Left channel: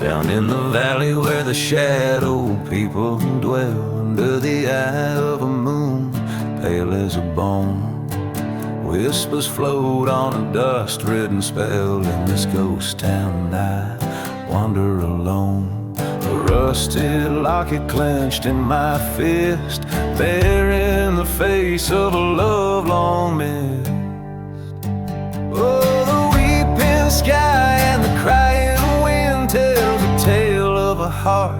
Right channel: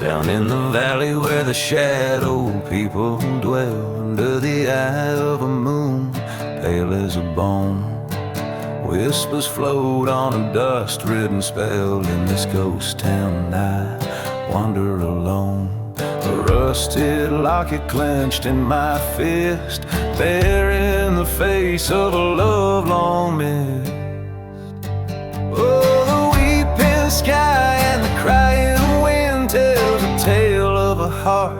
Down in the valley where the shadow people dwell, under the eye of a moon pale as a bone, whispers float on a dust-ridden spell. In this ghost town I wander alone, a rusted locket clenched in my fist, bearing the face of a love long missed. Oh, the weeping sky and the crying wind tells a tale of a heart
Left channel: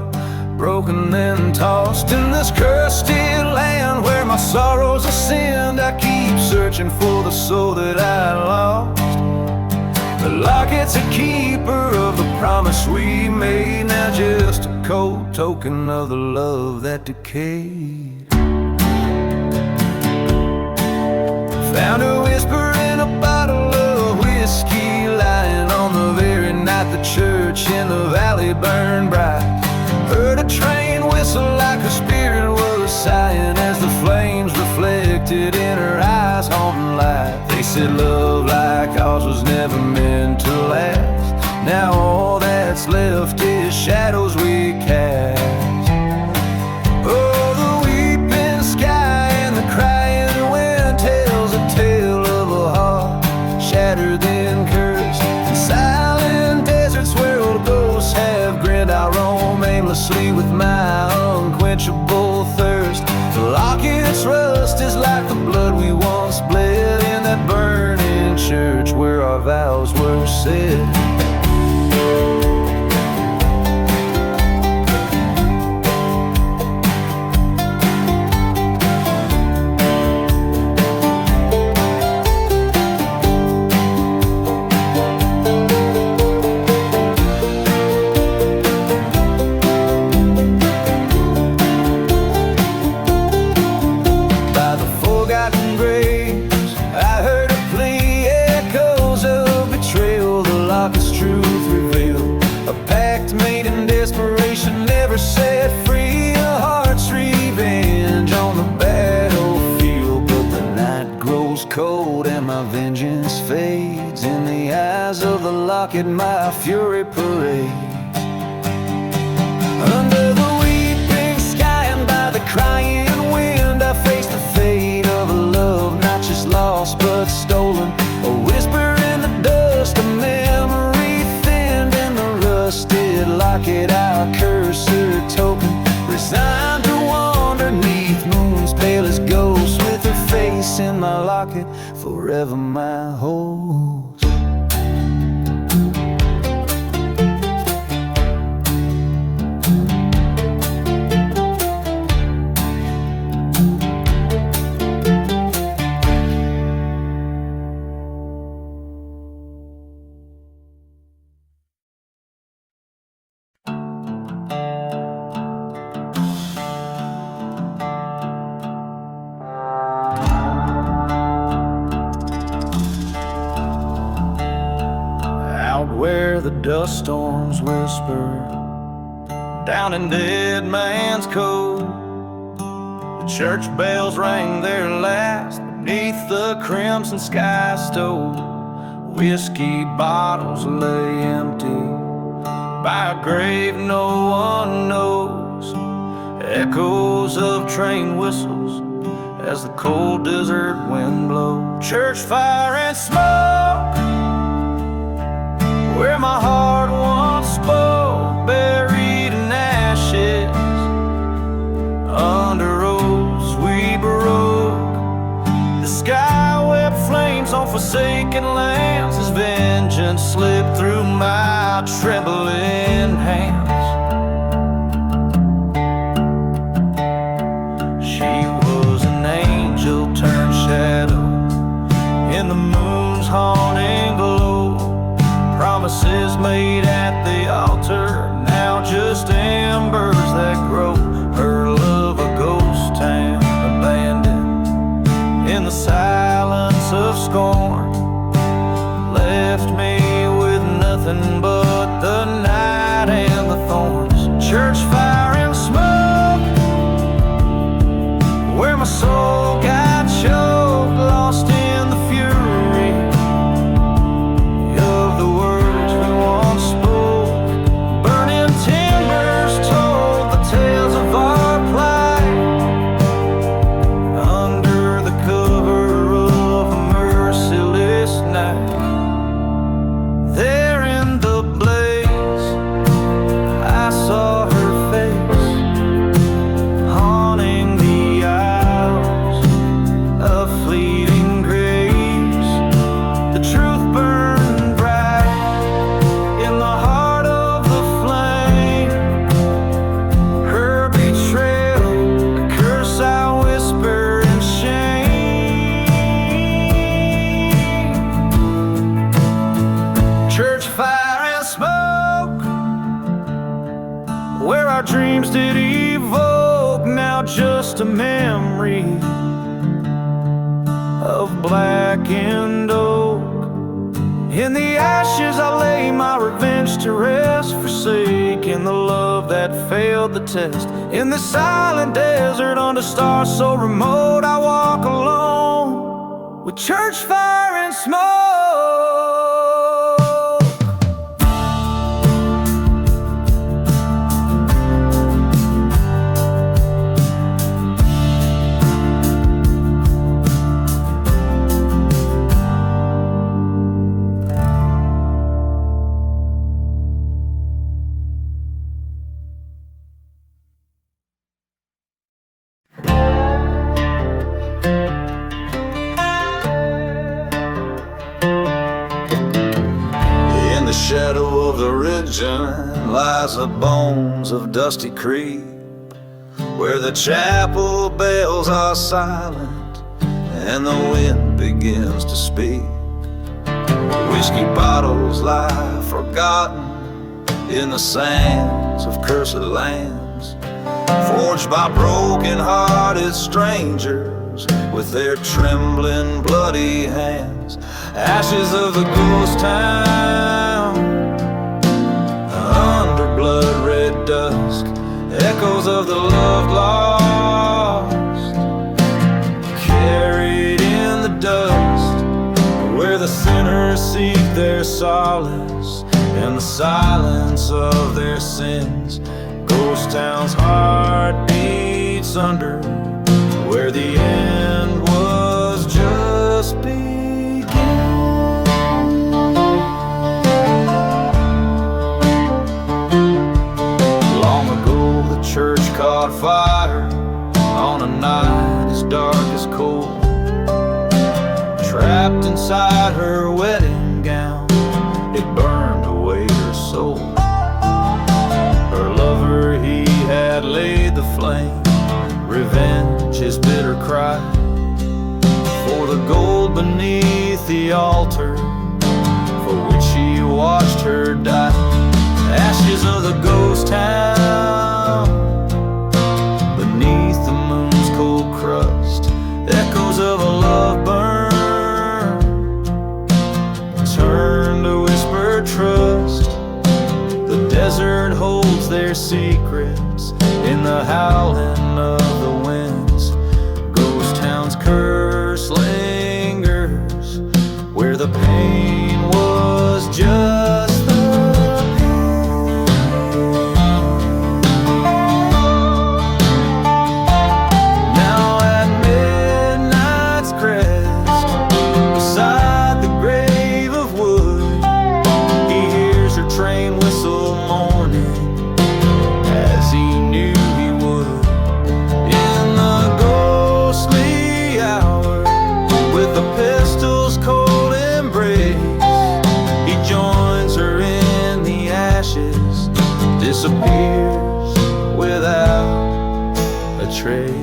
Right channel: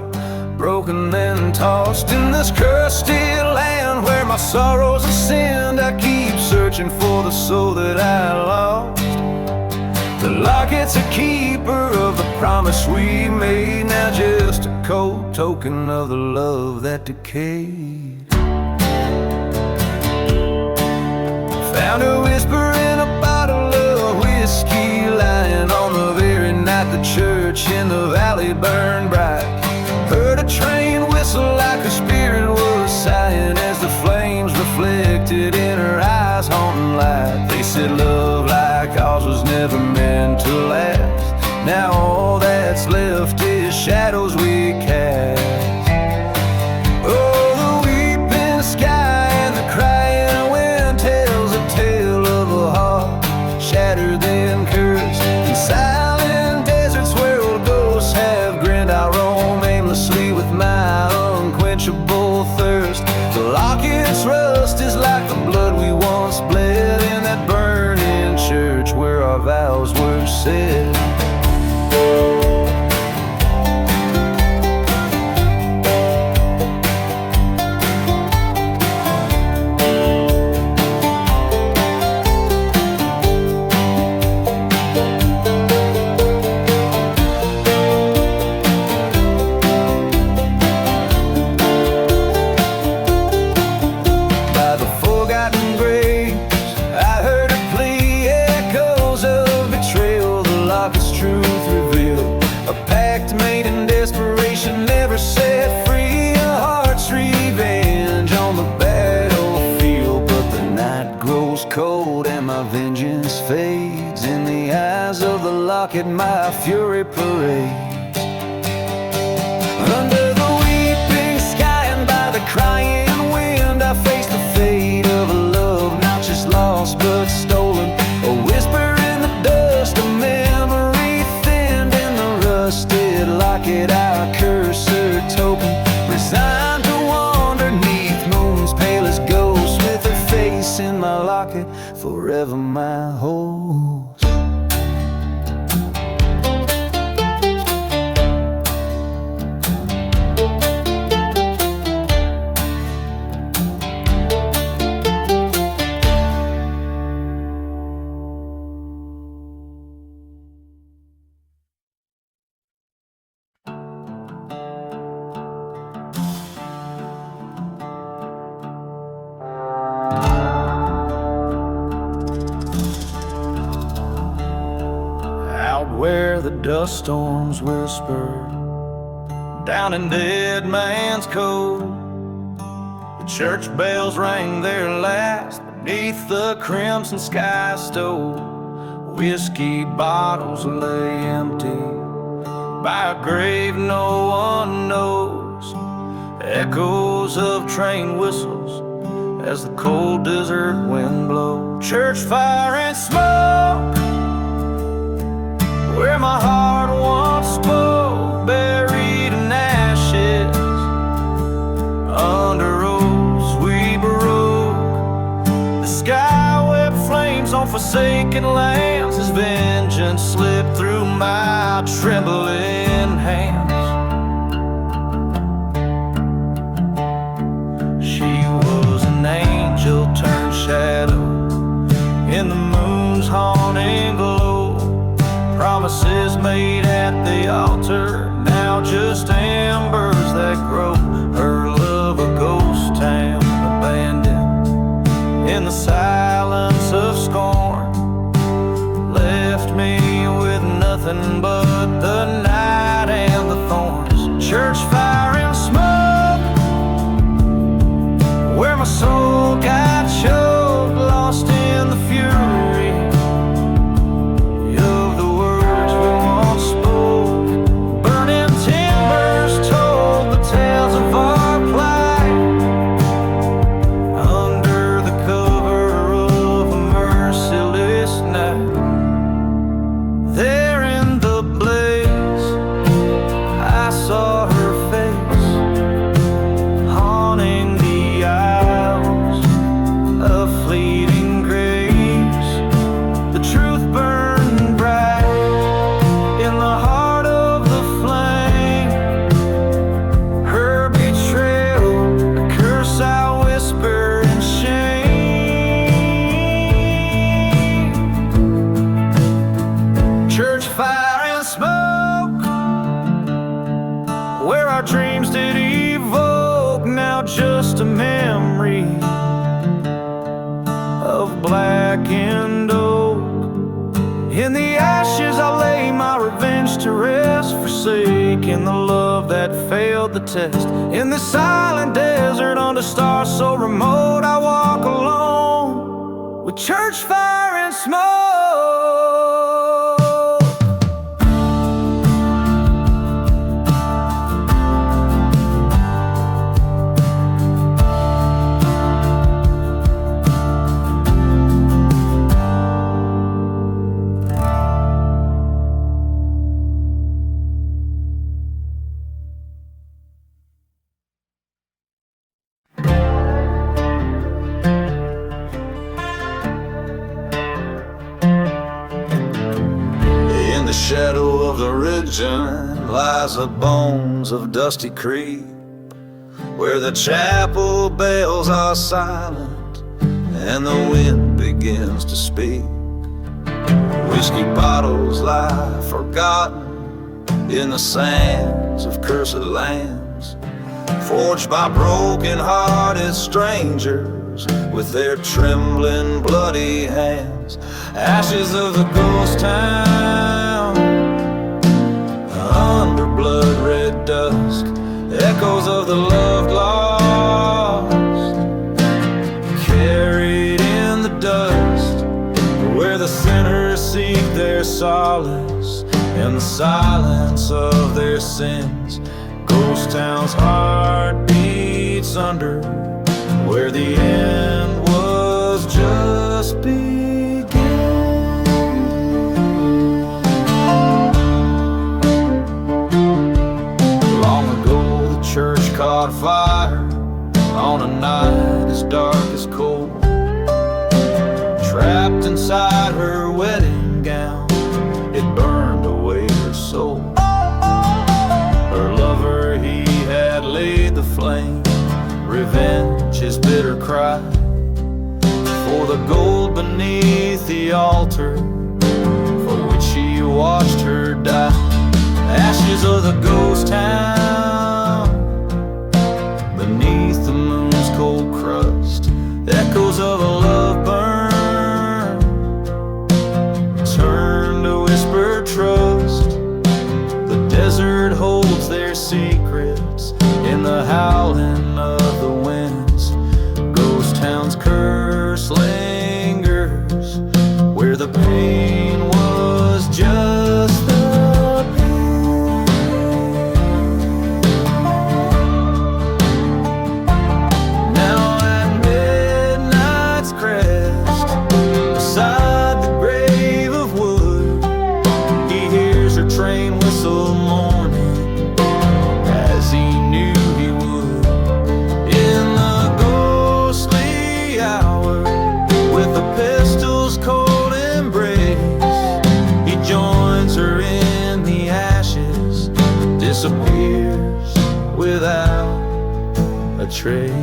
broken and tossed. In this cursed land where my sorrows ascend, I keep searching for the soul that I lost. The locket's a keeper of the promise we made, now just a cold token of the love that decayed. Found a whisper in a bottle of whiskey, lying on the very night the church in the valley burned bright. Heard a train whistle like a spirit was sighing, as the flames reflected in her eyes haunting light. They said love like ours was never meant to last. Now all that's left is shadows we cast. Oh, the weeping sky and the crying wind tells a tale of a heart shattered then cursed. In silent deserts where old ghosts have grinned, I roam aimlessly with my unquenchable thirst. The locket's rust is like the blood we once bled in that burning church where our vows were said. Truth revealed, a pact made in desperation, never set free. A heart's revenge on the battlefield, but the night grows cold and my vengeance fades. In the eyes of the locket my fury parades. Under the weeping sky and by the crying wind, I face the fate of a love not just lost but stolen. A whisper in the dust, a memory rusted locket, our cursor token, resigned to wander neath moon's palest ghost, with her face in my locket, forever my host. Where the dust storms whisper, down in Dead Man's Cove, the church bells rang their last beneath the crimson sky stove. Whiskey bottles lay empty by a grave no one knows. Echoes of train whistles as the cold desert wind blows. Church fire and smoke, where my heart once spoke, buried in ashes. Under rose we broke. The sky wept flames on forsaken lands as vengeance slipped through my trembling hands. She was an angel turned shadow in the moon's haunting glow. Promises made at the altar, now just embers that grow. Her love a ghost town abandoned in the silence of scorn, left me with nothing but the night and the thorns. Church fire and smoke, where my soul got choked, lost in the fury of the words we once spoke. Burning fleeting grace. The truth burned bright in the heart of the flame. Her betrayal, a curse I whisper in shame. Church fire and smoke, where our dreams did evoke, now just a memory of blackened oak. In the ashes I lay my revenge to rest, forsaking the love that failed the test. In the silent desert under stars so remote, I walk alone with church fire and smoke. In the shadow of the ridgeline lies the bones of Dusty Creek, where the chapel bells are silent and the wind begins to speak. Whiskey bottles lie forgotten in the sands of cursed lands, forged by broken-hearted strangers with their trembling bloody hands. Ashes of the ghost town, under blood-red dusk, echoes of the loved lost, carried in the dust, where the sinners seek their solace in the silence of their sins. Ghost town's heart beats under, where the end was just beginning. Long ago the church caught fire on a night as dark as coal. Trapped inside her wedding gown, it burned away her soul. Her lover, he had laid the flame, revenge his bitter cry, for the gold beneath the altar for which he watched her die. Ashes of the ghost town, beneath the moon's cold crust, echoes of a love burn, turn to whisper trust. The desert holds their secrets in the howling of the winds. Ghost town's curse lingers, where the pain was just the pain. Now at midnight's crest, beside the grave of wood, he hears her train whistle mourning, as he knew he would. In the ghostly hour, with the pistol's cold embrace, he joins her in the ashes, disappears without a trace.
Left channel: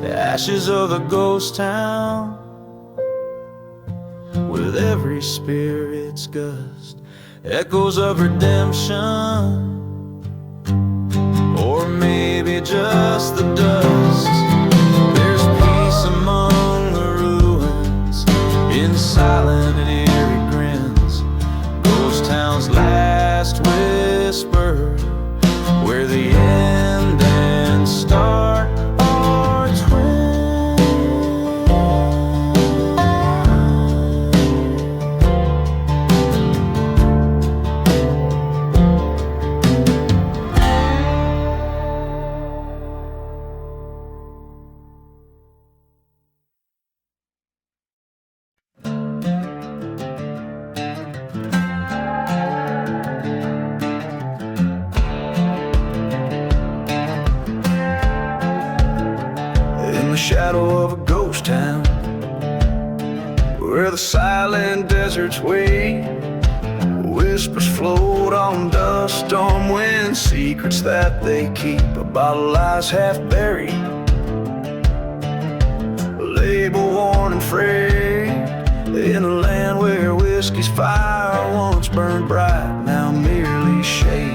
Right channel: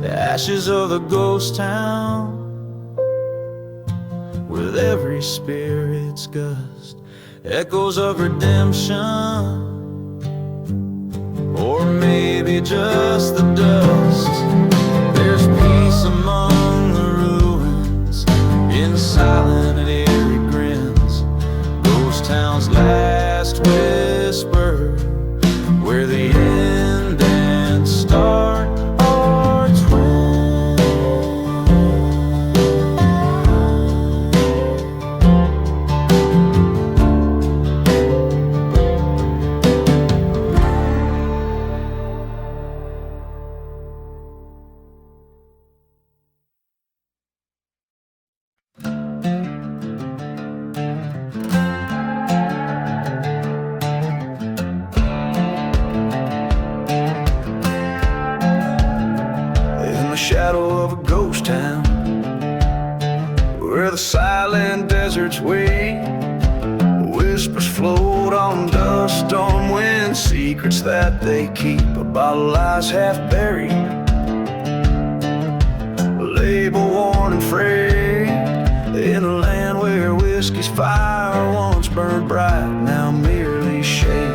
The ashes of the ghost town, with every spirit's gust, echoes of redemption, or maybe just the dust. There's peace among the ruins, in silent and eerie grins. Ghost town's last whisper, where the end and start are twins. the shadow of a ghost town, where the silent deserts wait. Whispers float on dust storm wind, secrets that they keep about lies half buried, label worn and frayed, in a land where whiskey's fire once burned bright, now merely shade.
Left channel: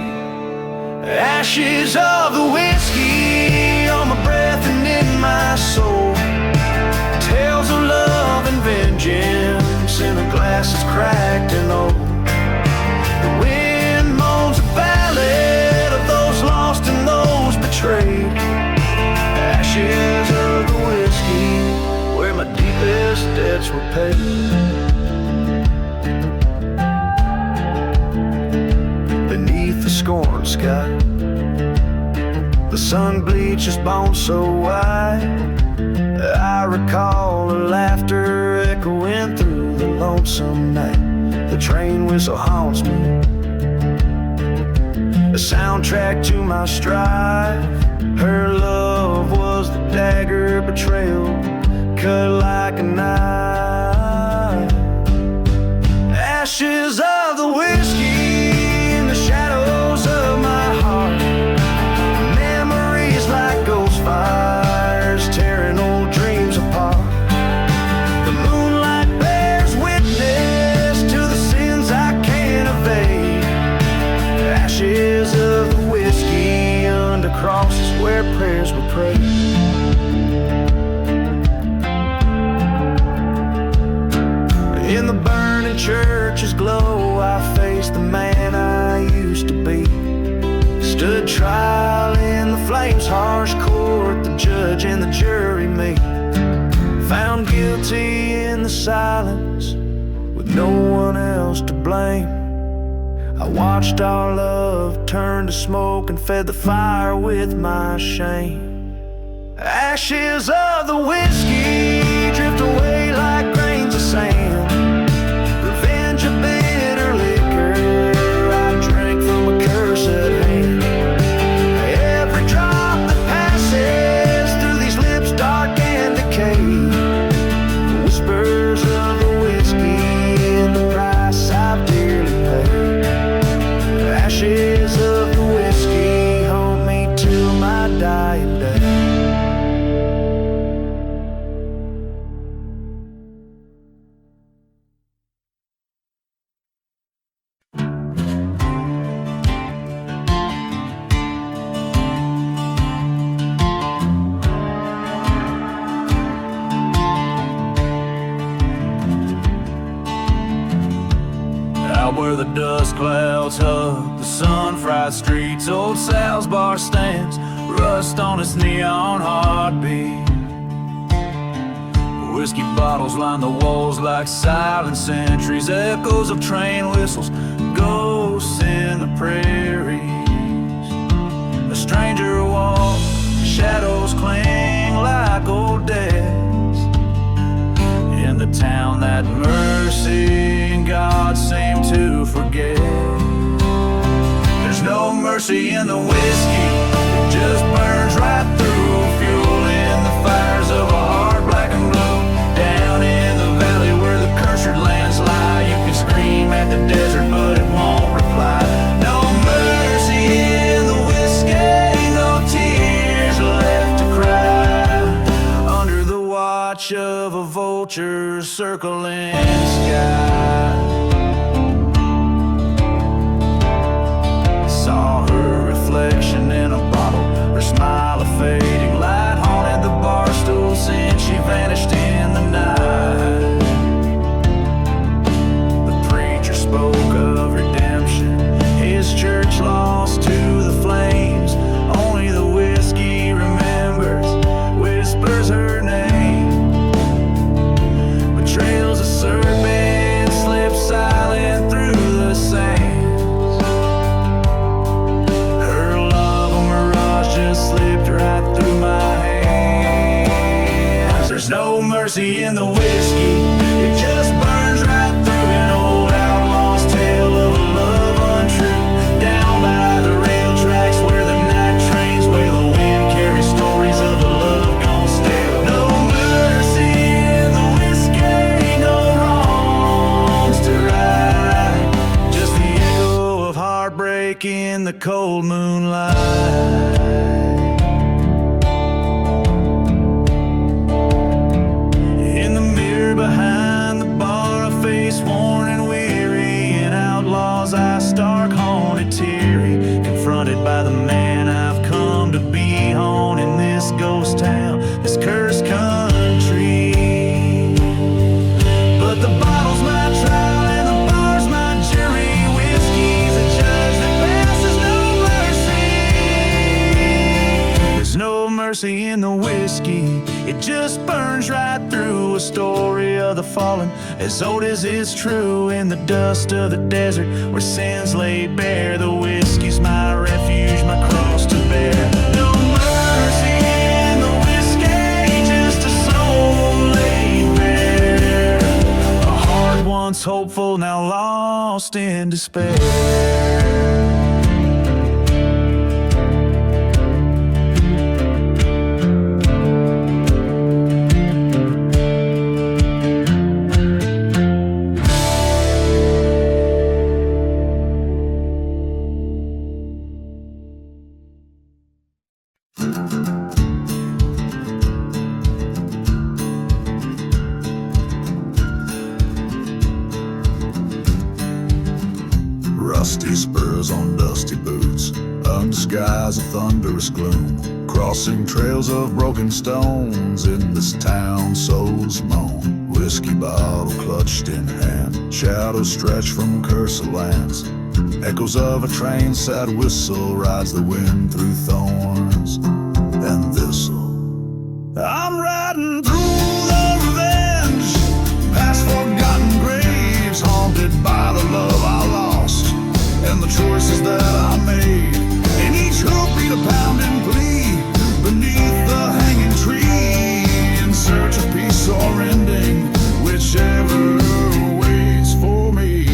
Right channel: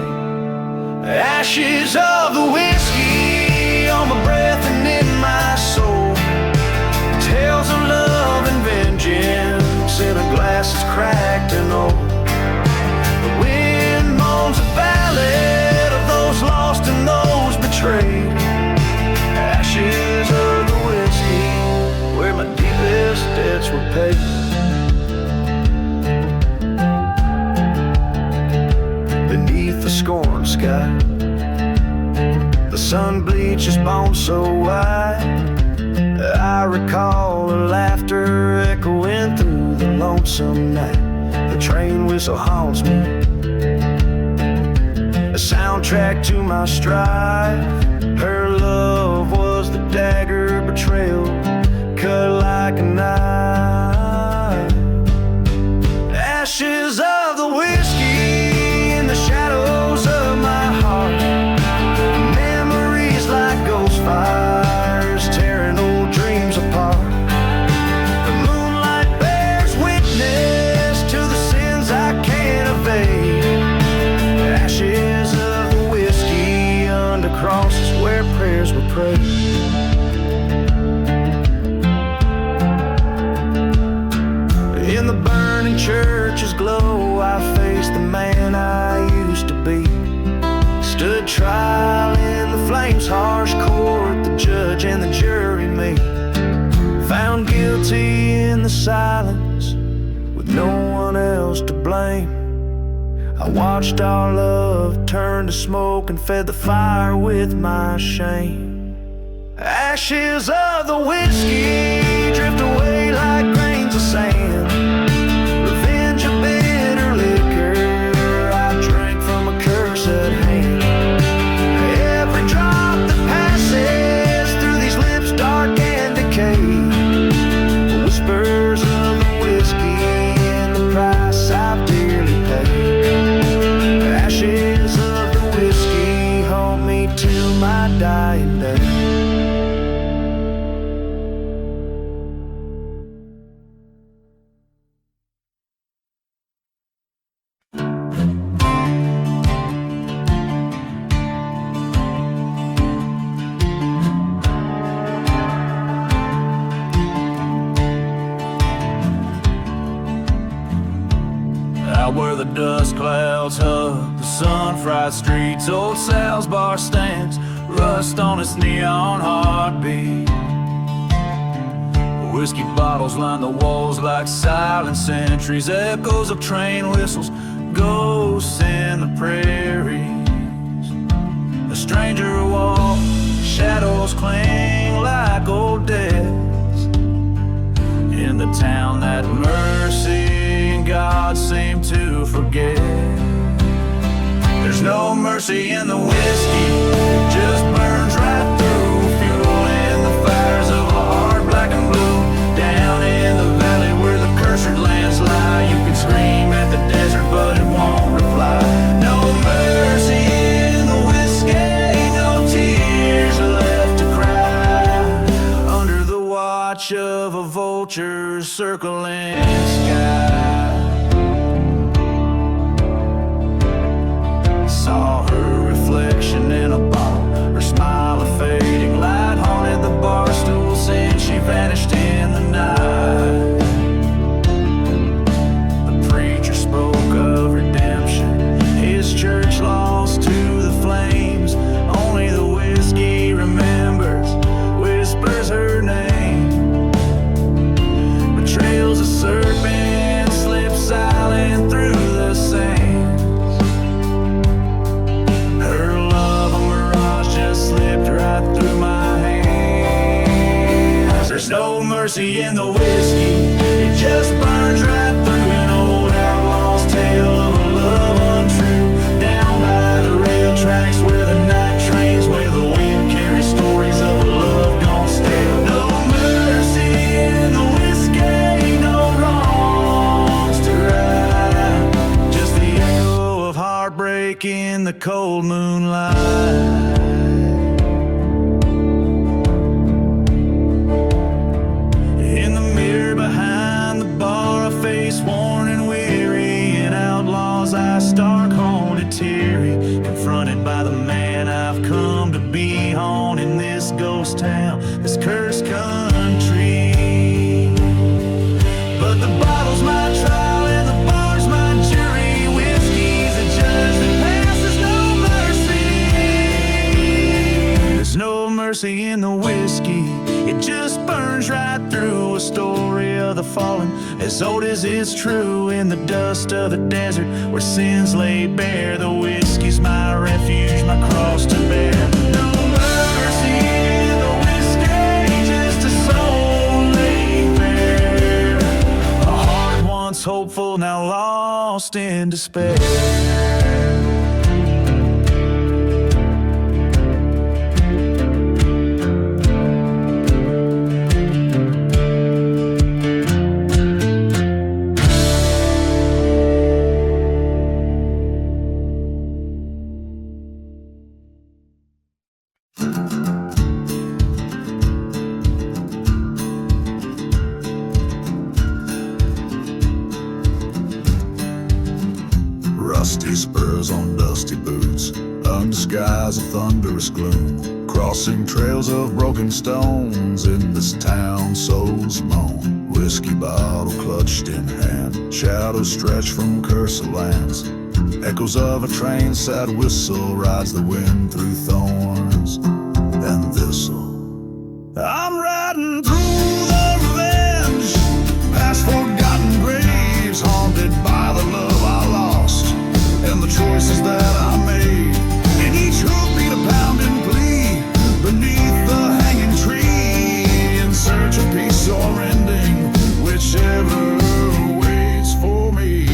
Ashes of the whiskey on my breath and in my soul, tales of love and vengeance in a glass that's cracked and old. The wind moans a ballad of those lost and those betrayed. Ashes of the whiskey, where my deepest debts were paid. Beneath the scorned sky, the sun bleaches bones so white. I recall the laughter echoing through the lonesome night. The train whistle haunts me, a soundtrack to my strife. Her love was the dagger betrayal, cut like a knife. Ashes of the whiskey in the shadows of my heart, memories like ghost fires tearing old dreams apart. The moonlight bears witness to the sins I can't evade. Ashes of the whiskey under crosses where prayers were prayed. In the burning church's glow, I faced the man I used to be. Stood trial in the flames' harsh court, the judge and the jury me. Found guilty in the silence, with no one else to blame. I watched our love turn to smoke and fed the fire with my shame. Ashes of the whiskey drift away like grains of sand. Revenge a bitter liquor I drank from a cursed hand. Every drop that passes through these lips dark and decayed, whispers of the whiskey and the price I've dearly paid. Ashes of the whiskey haunt me till my dying day. Out where the dust clouds hug the sun-fried streets, old Sal's bar stands, rust on its neon heartbeat. Whiskey bottles line the walls like silent sentries, echoes of train whistles, ghosts in the prairies. A stranger walks, shadows cling like old debts in the town that mercy and God seem to forget. There's no mercy in the whiskey, it just burns right through, fueling the fires of a heart black and blue. Down in the valley where the cursed lands lie, you can scream at the desert but it won't reply. No mercy in the whiskey, no tears left to cry, under the watch of a vulture circling sky. Saw her reflection in a bottle, her smile a fading light haunted the bar stool since she vanished in the night. The preacher spoke of redemption, his church lost to the flames. Only the whiskey remembers, whispers her name. Betrayal's a serpent, slips silent through the sands. Her love, a mirage, just slipped right through my hands. There's no mercy in the whiskey, it just burns right through. An old outlaw's tale of a love untrue, down by the rail tracks where the night trains wail. The wind carries stories of a love gone stale. No the cold moonlight. In the mirror behind the bar, a face worn and weary, an outlaw's eyes stark, haunted, teary, confronted by the man I've come to be haunting this ghost town, this cursed country. But the bottle's my trial and the bar's my jury. Whiskey's a judge that passes no mercy. There's no mercy in the whiskey. It just burns right through a story of the fallen, as old as it's true. In the dust of the desert where sins lay bare, the whiskey's my refuge, my cross to bear. No mercy in the whiskey, just a soul laid bare. A heart once hopeful, now lost in despair. Rusty spurs on dusty boots, under skies of thunderous gloom, crossing trails of broken stones in this town souls moan. Whiskey bottle clutched in hand, shadows stretch from cursed lands. Echoes of a train sad whistle rides the wind through thorns and thistle. I'm riding through the revenge, past forgotten graves, haunted by the love I lost and the choices that I made. And each hoof beat a pounding plea beneath the hanging tree, in search of peace or ending, whichever waits for me.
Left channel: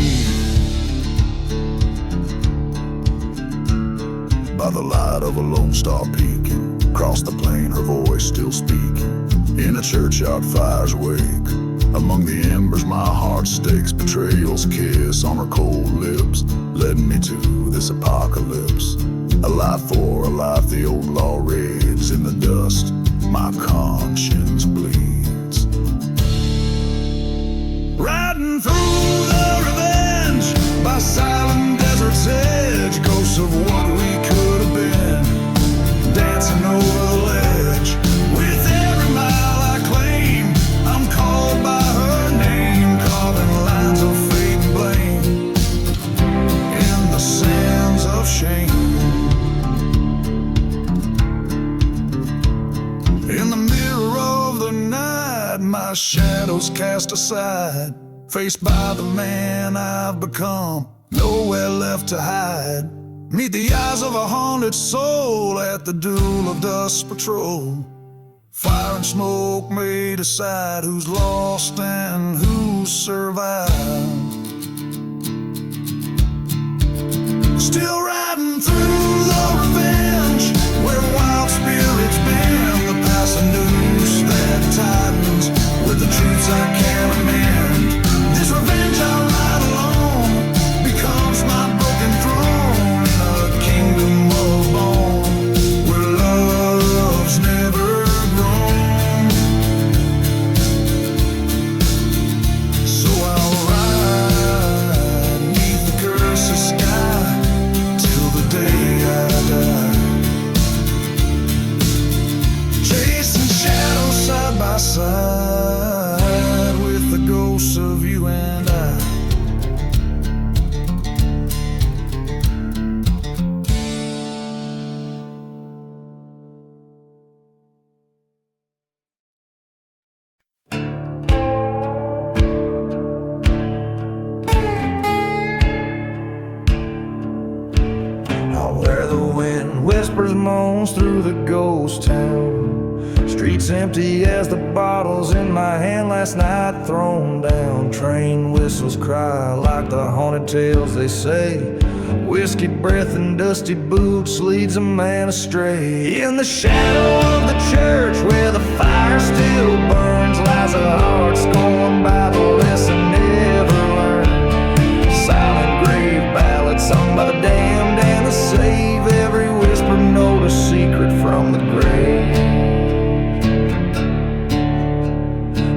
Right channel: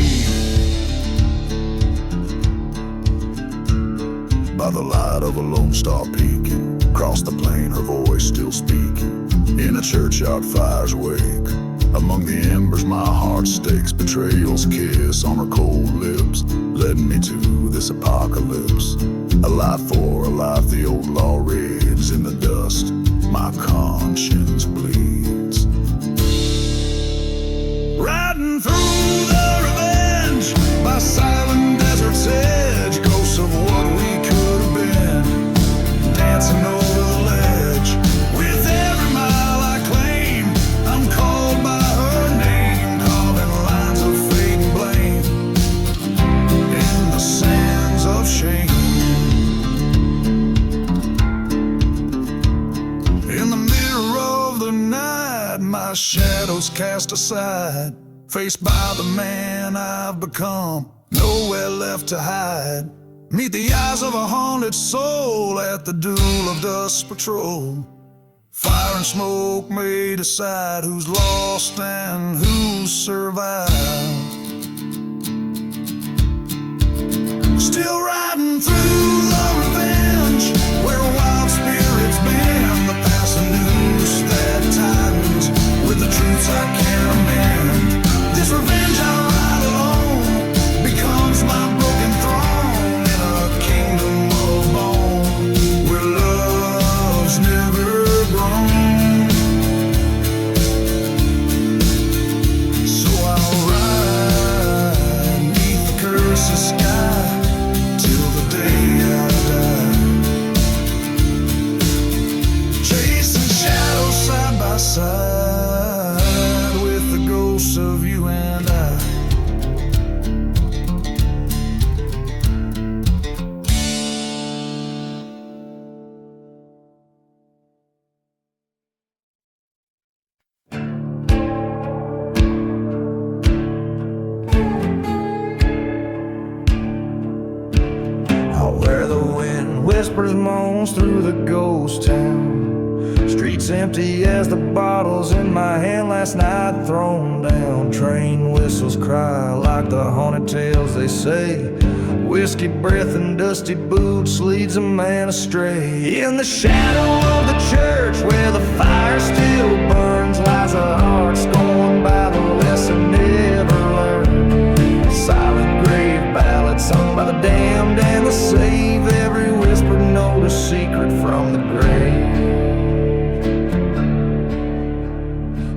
By the light of a lone star peeking across the plain, her voice still speaking. In a churchyard fire's wake, among the embers my heart stakes. Betrayal's kiss on her cold lips led me to this apocalypse. A life for a life, the old law raves in the dust. My conscience bleeds. Riding through the revenge by silent desert's edge, ghosts of what we could have been, dancing over the ledge. With every mile I claim, I'm called by her name, carving lines of fate and blame in the sands of shame. In the mirror of the night, my shadows cast aside, faced by the man I've become, nowhere left to hide. Meet the eyes of a haunted soul at the duel of dust patrol. Fire and smoke may decide who's lost and who's survived. Still riding through the revenge, where wild spirits bend, the passing noose that tightens with the truths I can't amend. This revenge I ride alone becomes my broken throne in a kingdom of bone where love's never grown. So I'll ride neath the cursed sky till the day I die, chasing shadows side by side with the ghosts of you and I. Where the wind whispers moans through the ghost town, streets empty as the bottles in my hand last night thrown down. Train whistles cry like the haunted tales they say. Whiskey breath and dusty boots leads a man astray. In the shadow of the church where the fire still burns lies a heart scorned by the lesson never learned. Silent grave ballads sung by the damned and the saved. Every whispered note a secret from the grave.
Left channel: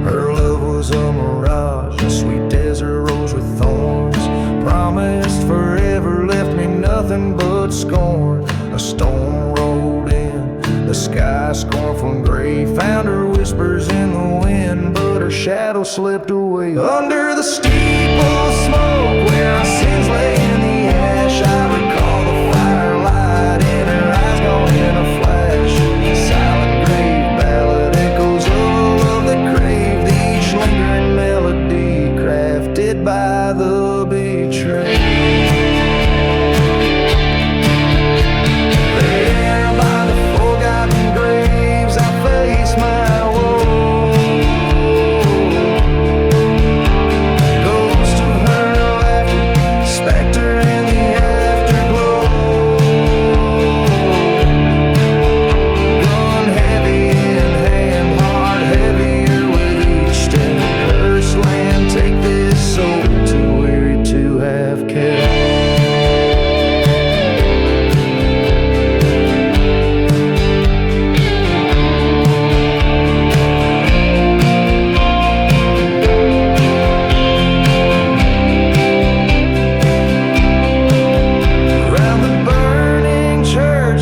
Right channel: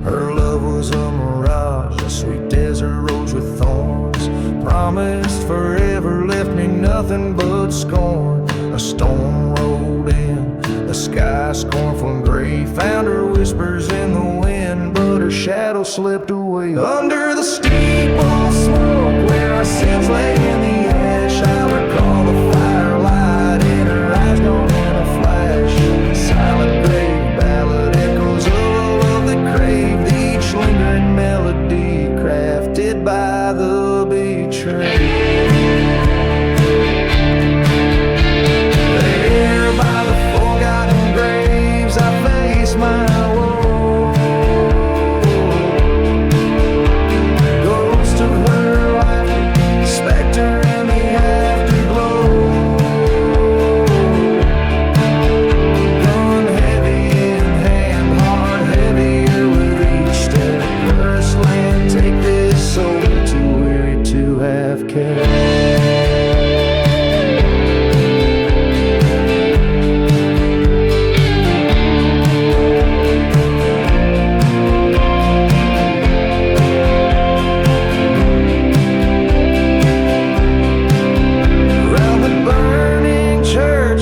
Her love was a mirage, a sweet desert rose with thorns. Promised forever, left me nothing but scorn. A storm rolled in, the sky scornful and gray. Found her whispers in the wind, but her shadow slipped away. Under the steeple smoke where our sins lay in the ash, I recall the firelight in her eyes gone in a flash. Silent grave ballad echoes of a love that craved, each lingering melody crafted by the betrayed. There by the forgotten graves I face my woe. Ghost of her laughter, specter in the afterglow. Gun heavy in hand, heart heavier with each step. Cursed land, take this soul, too weary to have kept.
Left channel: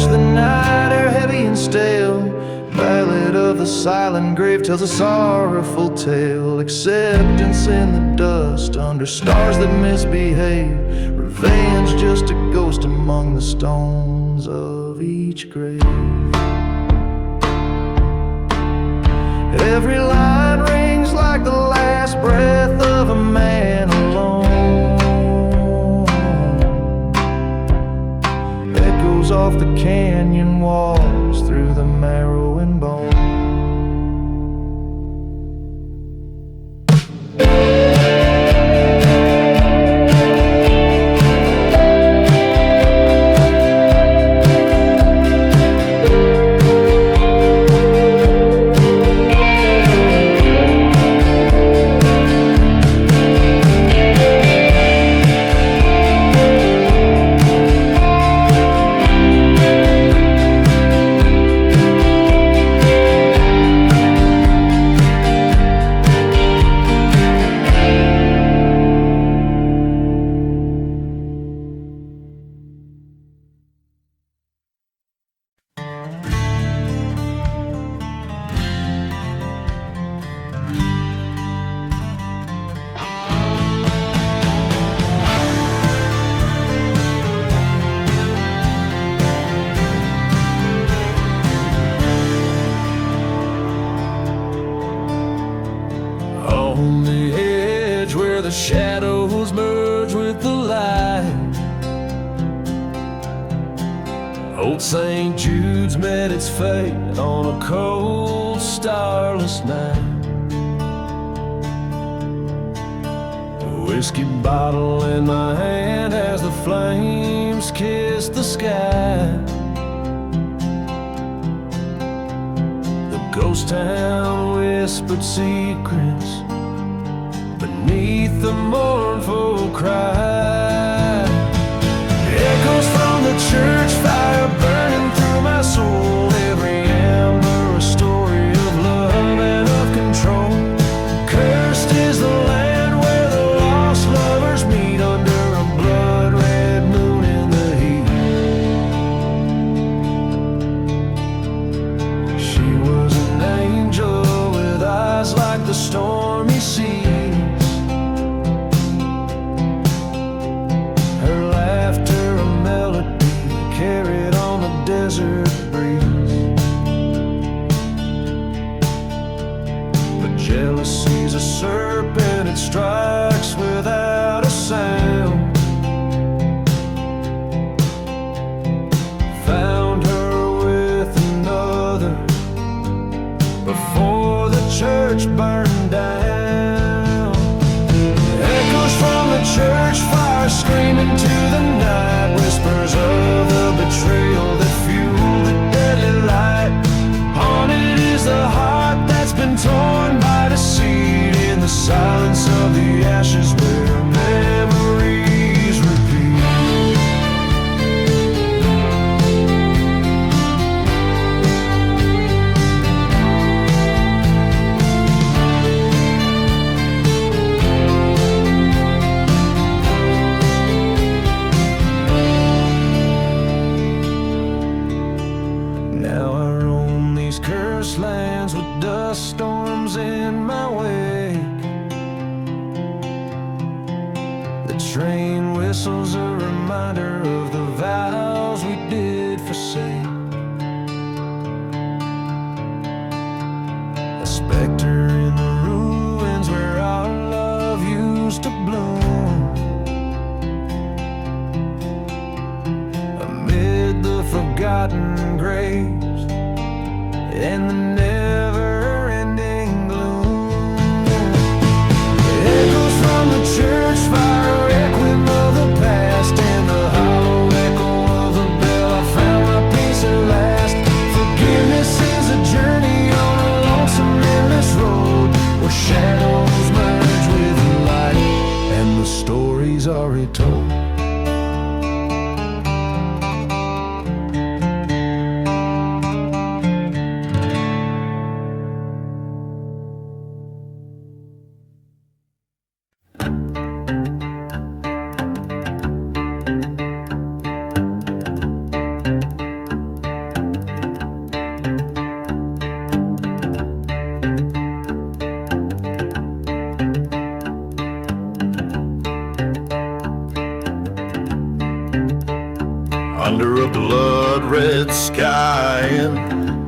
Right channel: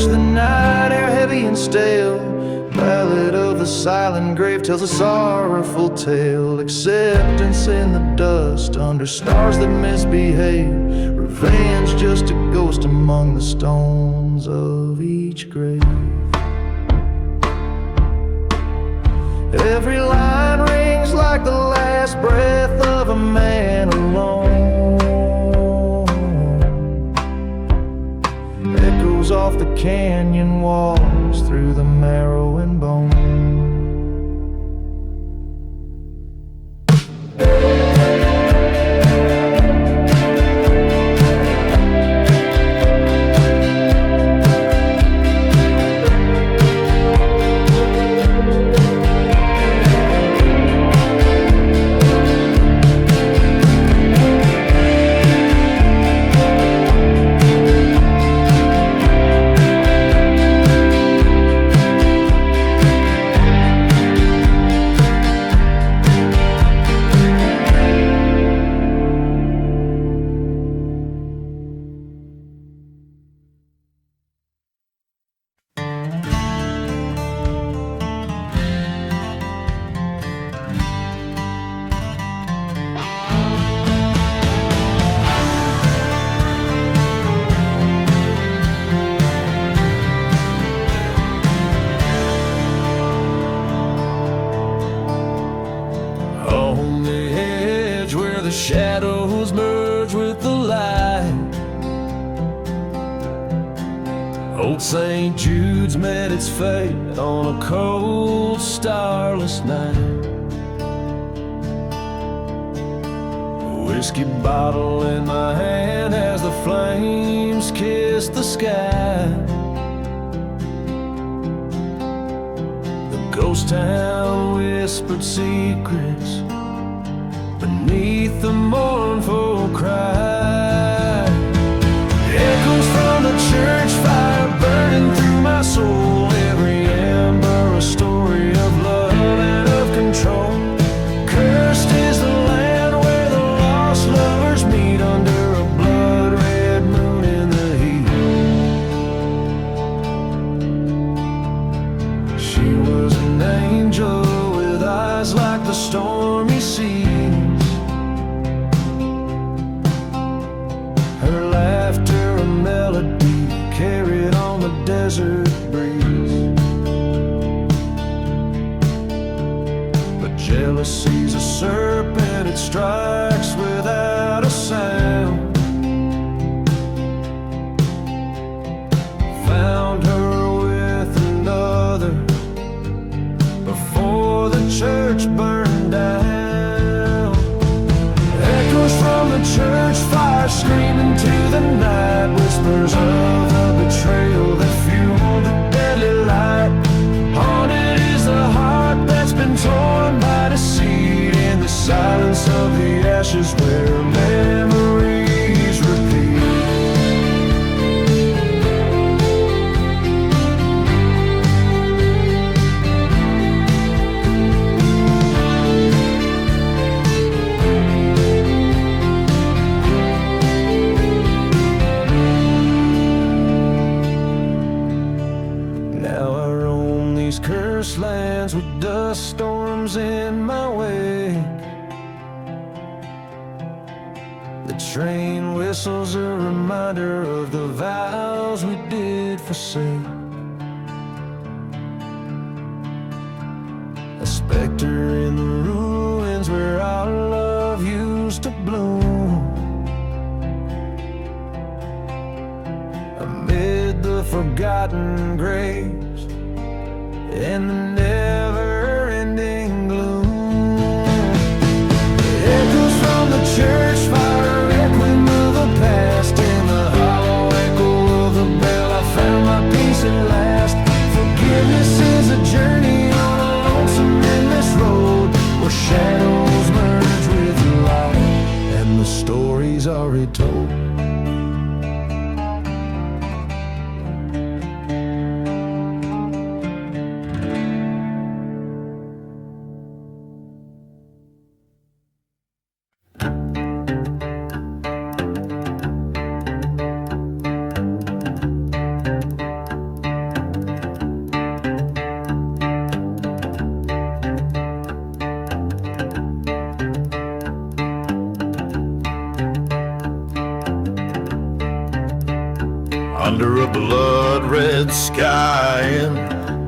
The night air heavy and stale, ballad of the silent grave tells a sorrowful tale. Acceptance in the dust under stars that misbehave. Revenge just a ghost among the stones of each grave. Every line rings like the last breath of a man alone. Echoes off the canyon walls through the marrow and bone. On the edge where the shadows merge with the light, old St. Jude's met its fate on a cold, starless night. A whiskey bottle in my hand as the flames kiss the sky. The ghost town whispered secrets beneath the mournful cry. Echoes from the church fire burning through my soul. Every ember a story of love and of control. Cursed is the land where the lost lovers meet under a blood-red moon in the heat. She was an angel with eyes like the stormy seas. Her laughter a melody carried on the desert breeze. But jealousy's a serpent, it strikes without a sound. Found her with another before the church burned down. Echoes from the church fire screaming to the night. Whispers of the betrayal that fueled the deadly light. Haunted is the heart that's been torn by deceit. In the silence of the ashes where memories repeat. cursed lands with dust storms in my wake. The train whistles a reminder of the vows we did forsake. A specter in the ruins where our love used to bloom. Amid the forgotten graves and the never-ending gloom, echoes from the church fire, requiem of the past. In the hollow echo of the bell, I found my peace at last. Forgiveness is a journey on a lonesome, endless road, where shadows merge with light and the stories are retold. Under a blood-red sky in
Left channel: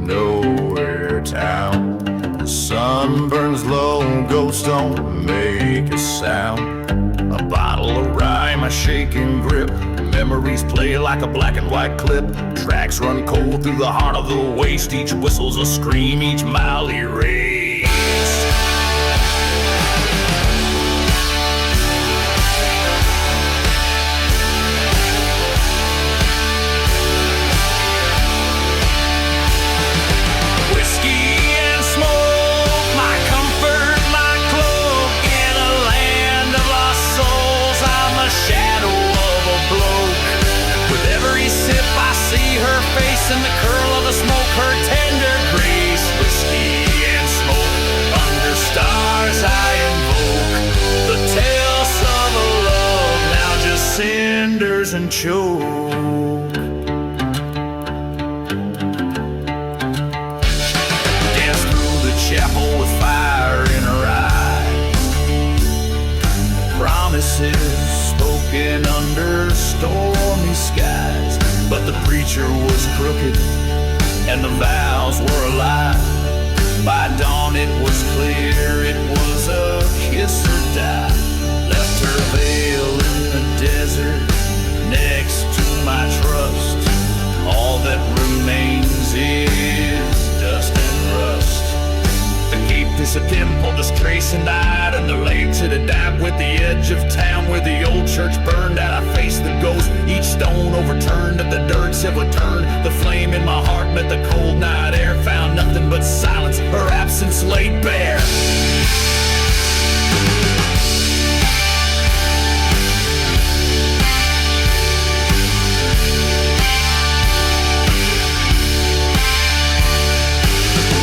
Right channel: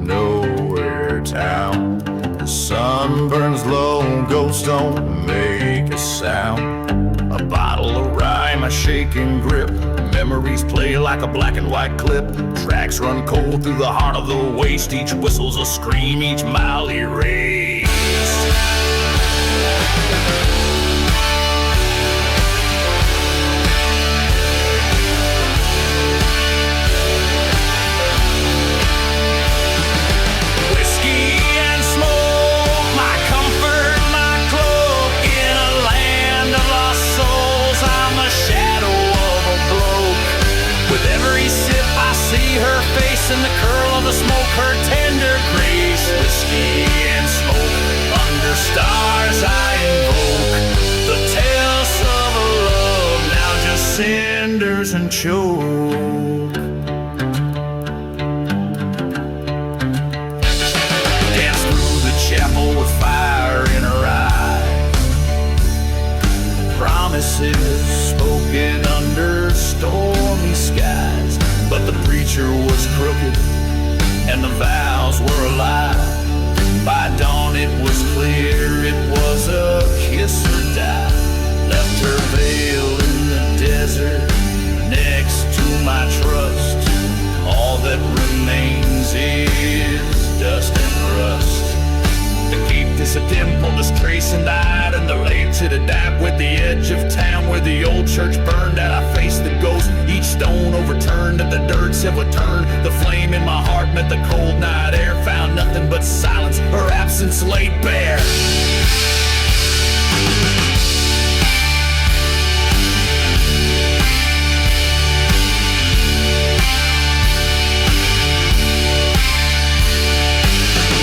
nowhere town, the sun burns low, ghosts don't make a sound. A bottle of rye, my shaking grip, memories play like a black and white clip. Tracks run cold through the heart of the waste, each whistle's a scream, each mile erased. Shadow of a bloke. With every sip I see her face in the curl of the smoke, her tender grace. Whiskey and smoke, under stars I invoke the tales of a love now just cinders and choke. Dance through the chapel with fire in her eyes, promises spoken under stormy skies. But the preacher was crooked and the vows were a lie. By dawn it was clear it was a kiss or die. Left her veil in the desert next to my trust. All that remains is dust and rust. The cape is a dimple, just trace and died, and the laid to the dap with the edge of town where the old church burned out. I faced the ghost, each stone overturned, at the dirts have returned. The flame in my heart met the cold night air, found nothing but silence, her absence laid bare.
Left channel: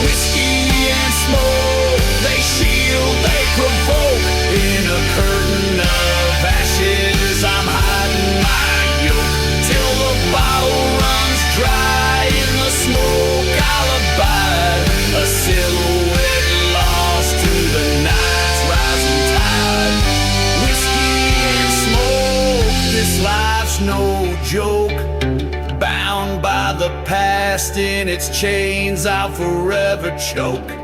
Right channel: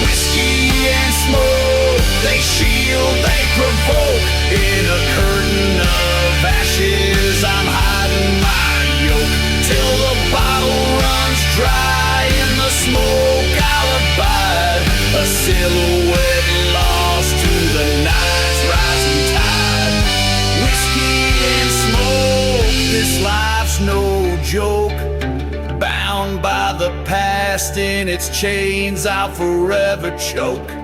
Whiskey and smoke, they shield, they provoke. In a curtain of ashes, I'm hiding my yoke. Till the bottle runs dry, in the smoke I'll abide. A silhouette lost to the night's rising tide. Whiskey and smoke, this life's no joke. Bound by the past, in its chains I'll forever choke.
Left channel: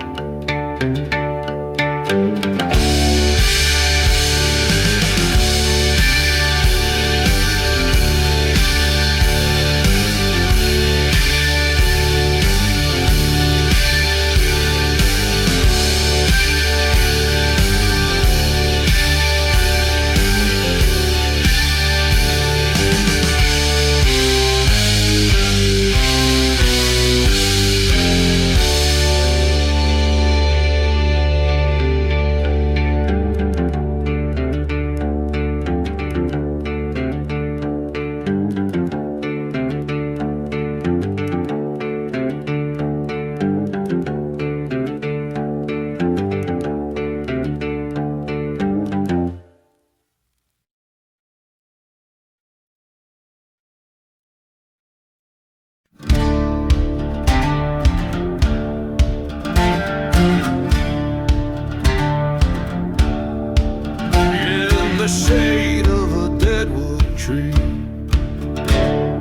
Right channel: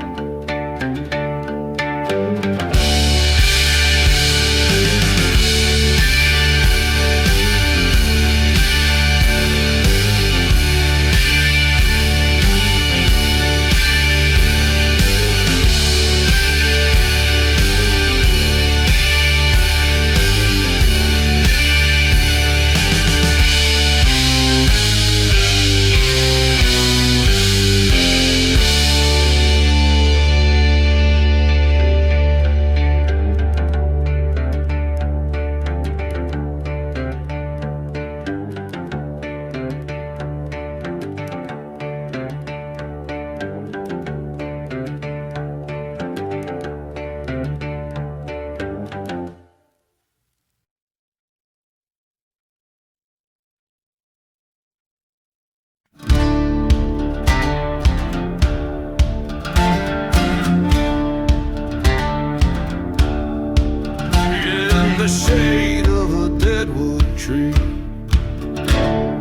tree,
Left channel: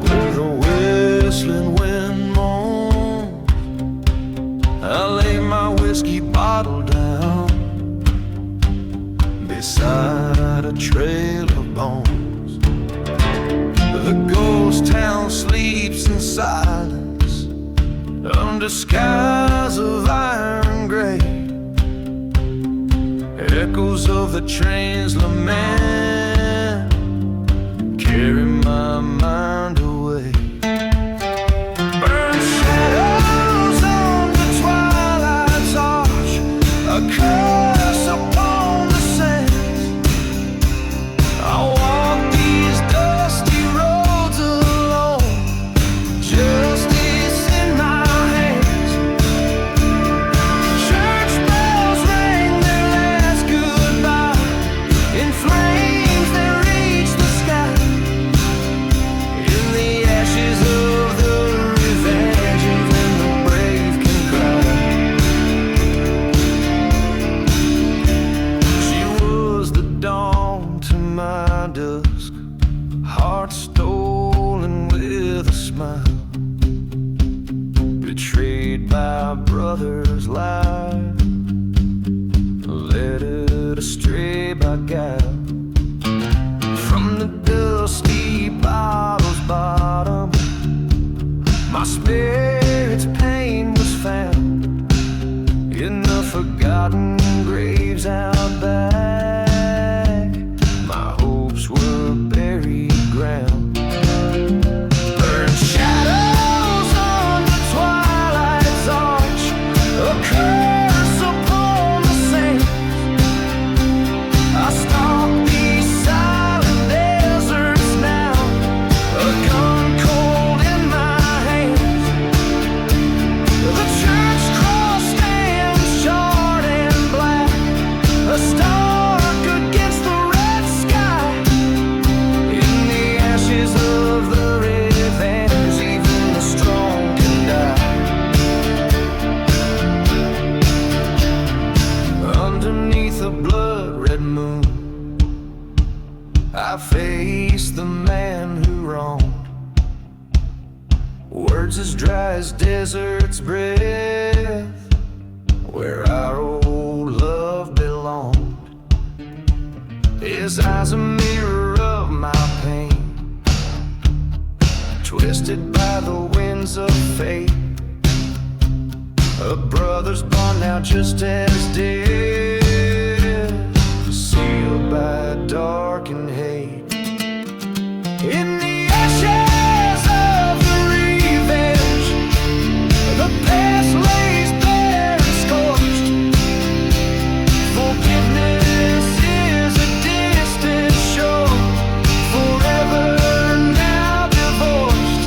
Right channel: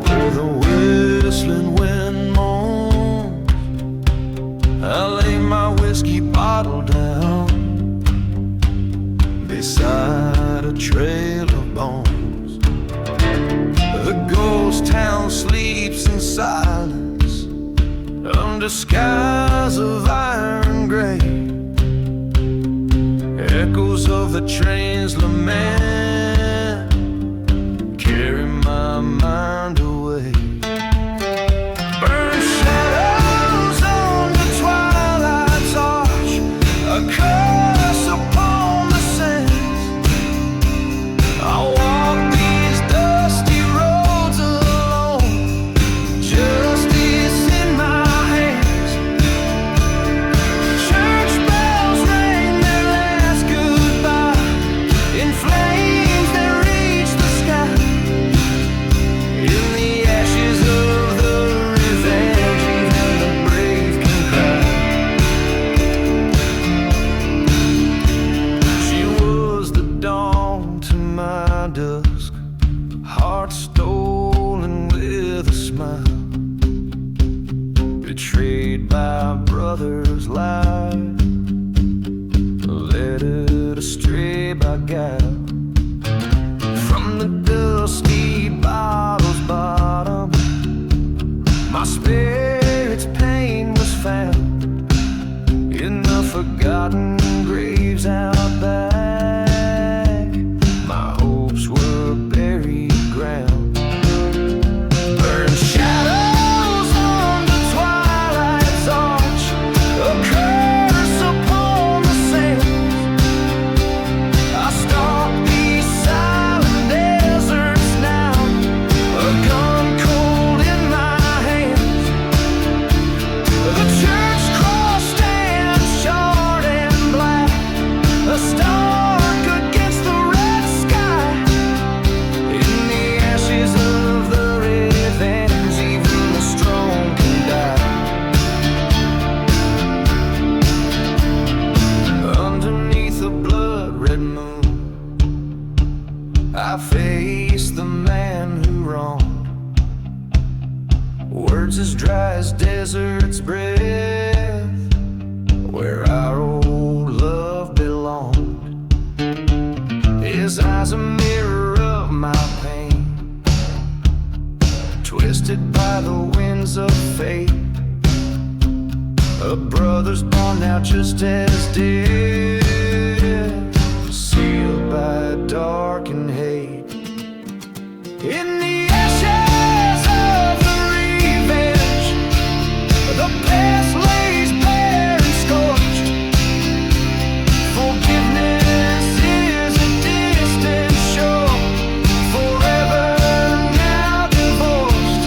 where the whistling wind moans. I lay my whiskey bottle down beside a trail of bones. The ghost town sleeps in silence under skies of iron gray. Echoes of the train's lament carry my mind away. Burn shadows under twilight's arch, a curse upon the sands. I walk these dusty roads alone, justice in my hands. Church bells rang their last goodbye in flames that reach the sky. In the ashes of the revenge, even the brave can cry. She was the dawn to my dusk, heart stolen with a smile, betrayed by a brother's lie, led astray by guile. From the dusty bottle's bottom, my spirit's pain was found in the forgotten graves out back. My hopes were buried ground. Burn shadows under twilight's arch, a curse upon the sands. I stalk these silent deserts now, a gun cold in my hands. The church cross stands charred and black, a stark against the red sky. In the ashes of the revenge, even the strong can die. Underneath a blood-red moon, I face the man who wronged. Words as dry as desert's breath, where our old love belonged. His eyes a mirror of my pain, twisted by the winds of fate. A brother's bond now just as dead, sealed by darkened hate. In the ashes of the revenge, the past lays bare and scorched. Forgiveness is a distant shore, forever now divorced.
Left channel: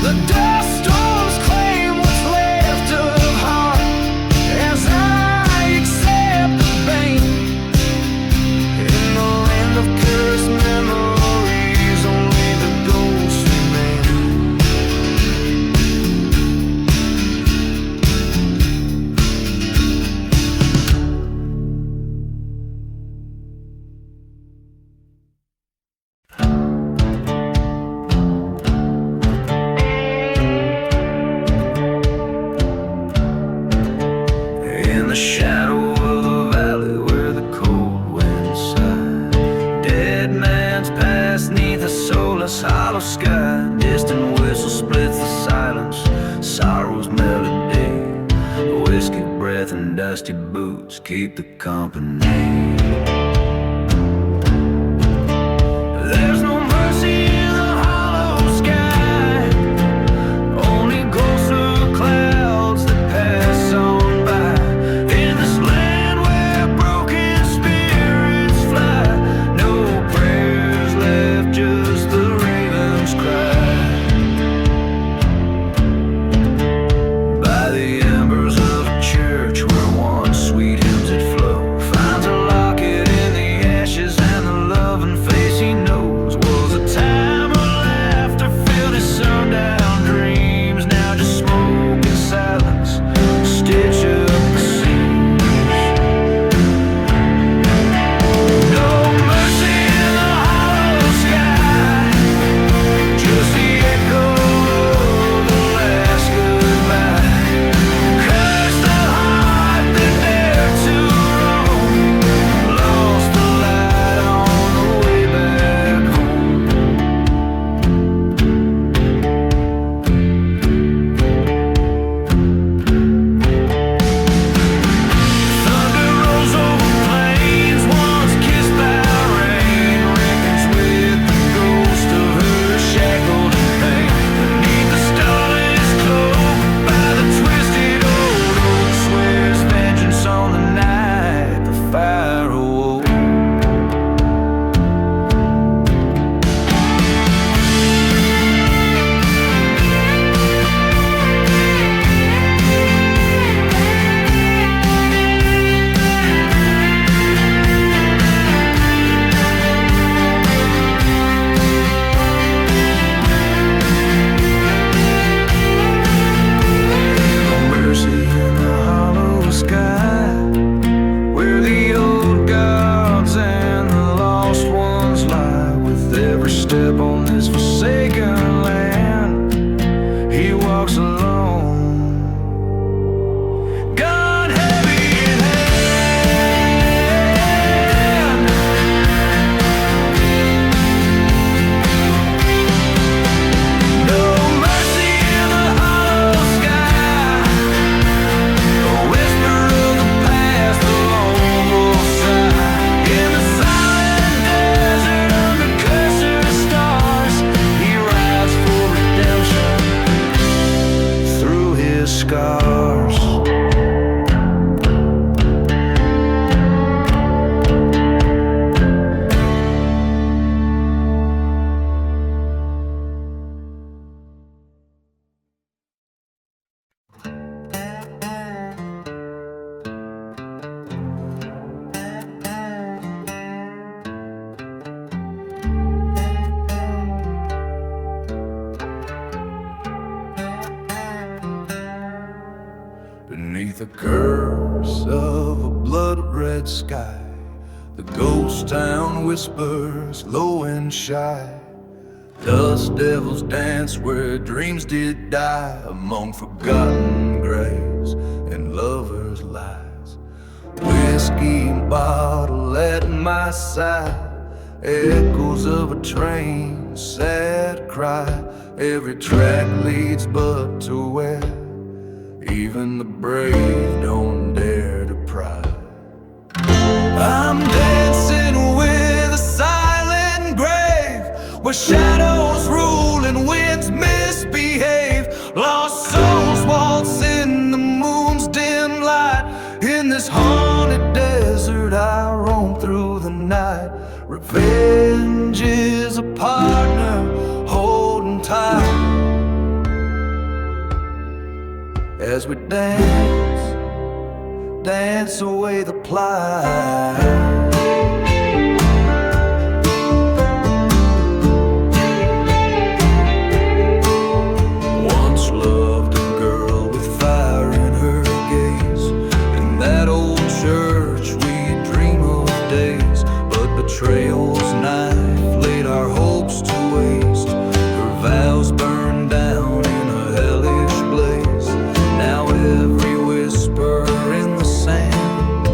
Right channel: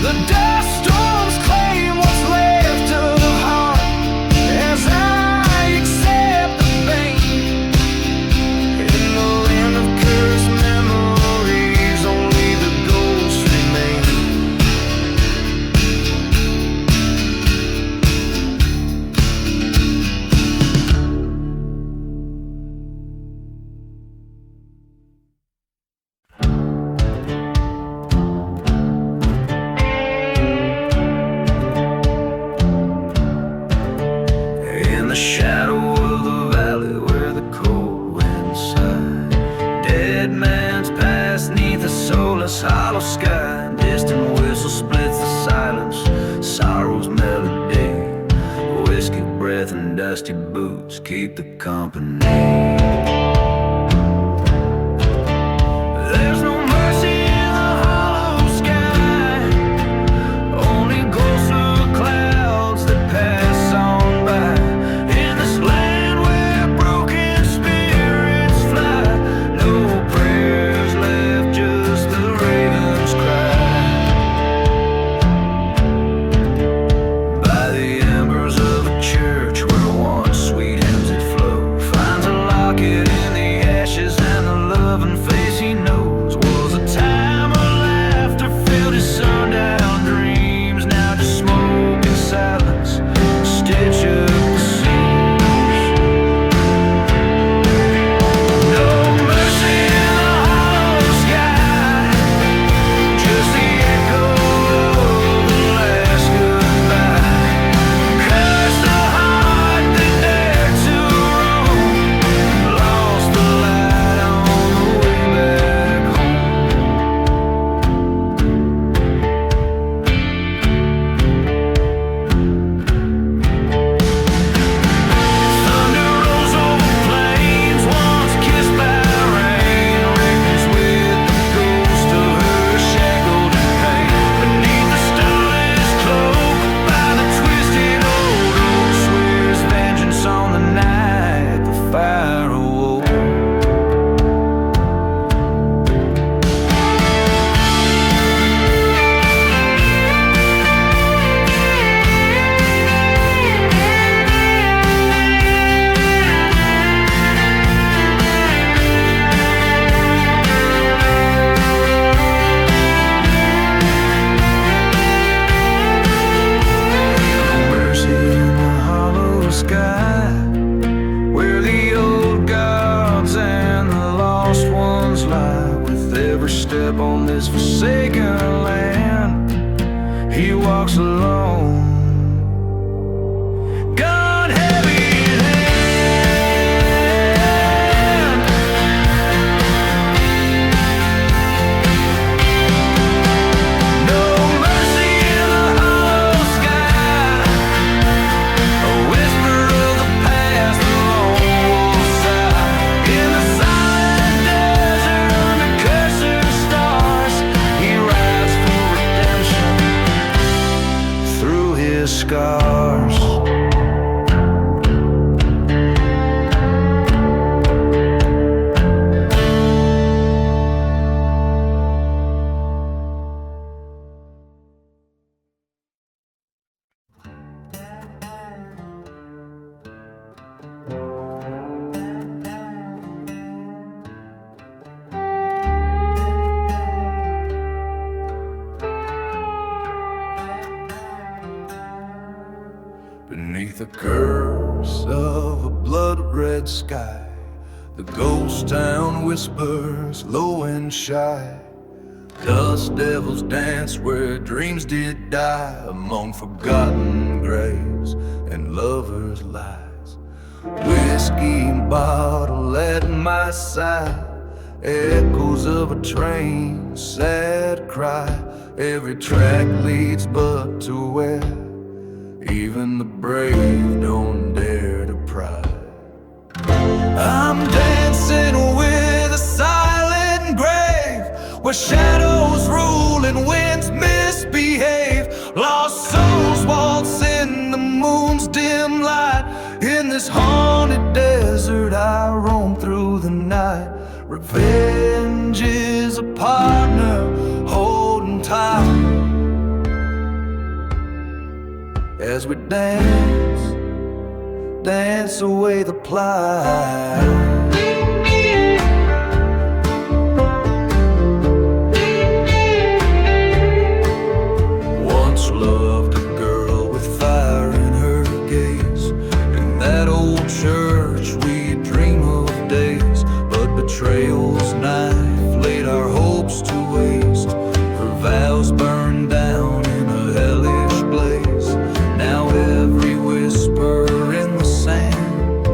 The dust storms claim what's left of heart, as I accept the bane. In the land of cursed memories, only the ghosts remain. In the shadow of the valley where the cold winds sigh, dead man's past neath a soulless hollow sky. Distant whistle splits the silence, sorrow's melody. Whiskey breath and dusty boots keep the company. There's no mercy in the hollow sky, only ghostly clouds that pass on by. In this land where broken spirits fly, no prayers left, just the raven's cry. By the embers of a church where once sweet hymns had flow, finds a locket in the ashes, and the loving face he knows was a time of laughter filled his sundown dreams. Now just smoke and silence stitch up the seams. No mercy in the hollow step on this forsaken land. He walks alone, gun heavy in hand. No mercy in the hollow sky, a whisper of the past, the lone wolf sigh. In the silent desert under cursor stars, he rides for redemption through his scars. Beneath the curse of a blood-red sky, the ghost town whispers low and shy. Dust devils dance where dreams did die, among forgotten graves and lovers' lies. Whiskey bottle at my side, echoes of a train, sad cry. Every track leads but to where even the brave don't dare to pry. I'm dancing with a silent grave, where shadows rule and winds misbehave. Lost souls waltz in the moon's dim light. In this haunted desert I roam through the night. Revenge is a partner holding tight as we dance, dance away the plight. Once loved a girl with fire in her gaze. In that old church we dream of days, but betrayal's knife laid our hopes to waste. Her vows burned down in a hellish blaze. Now every whisper in the sand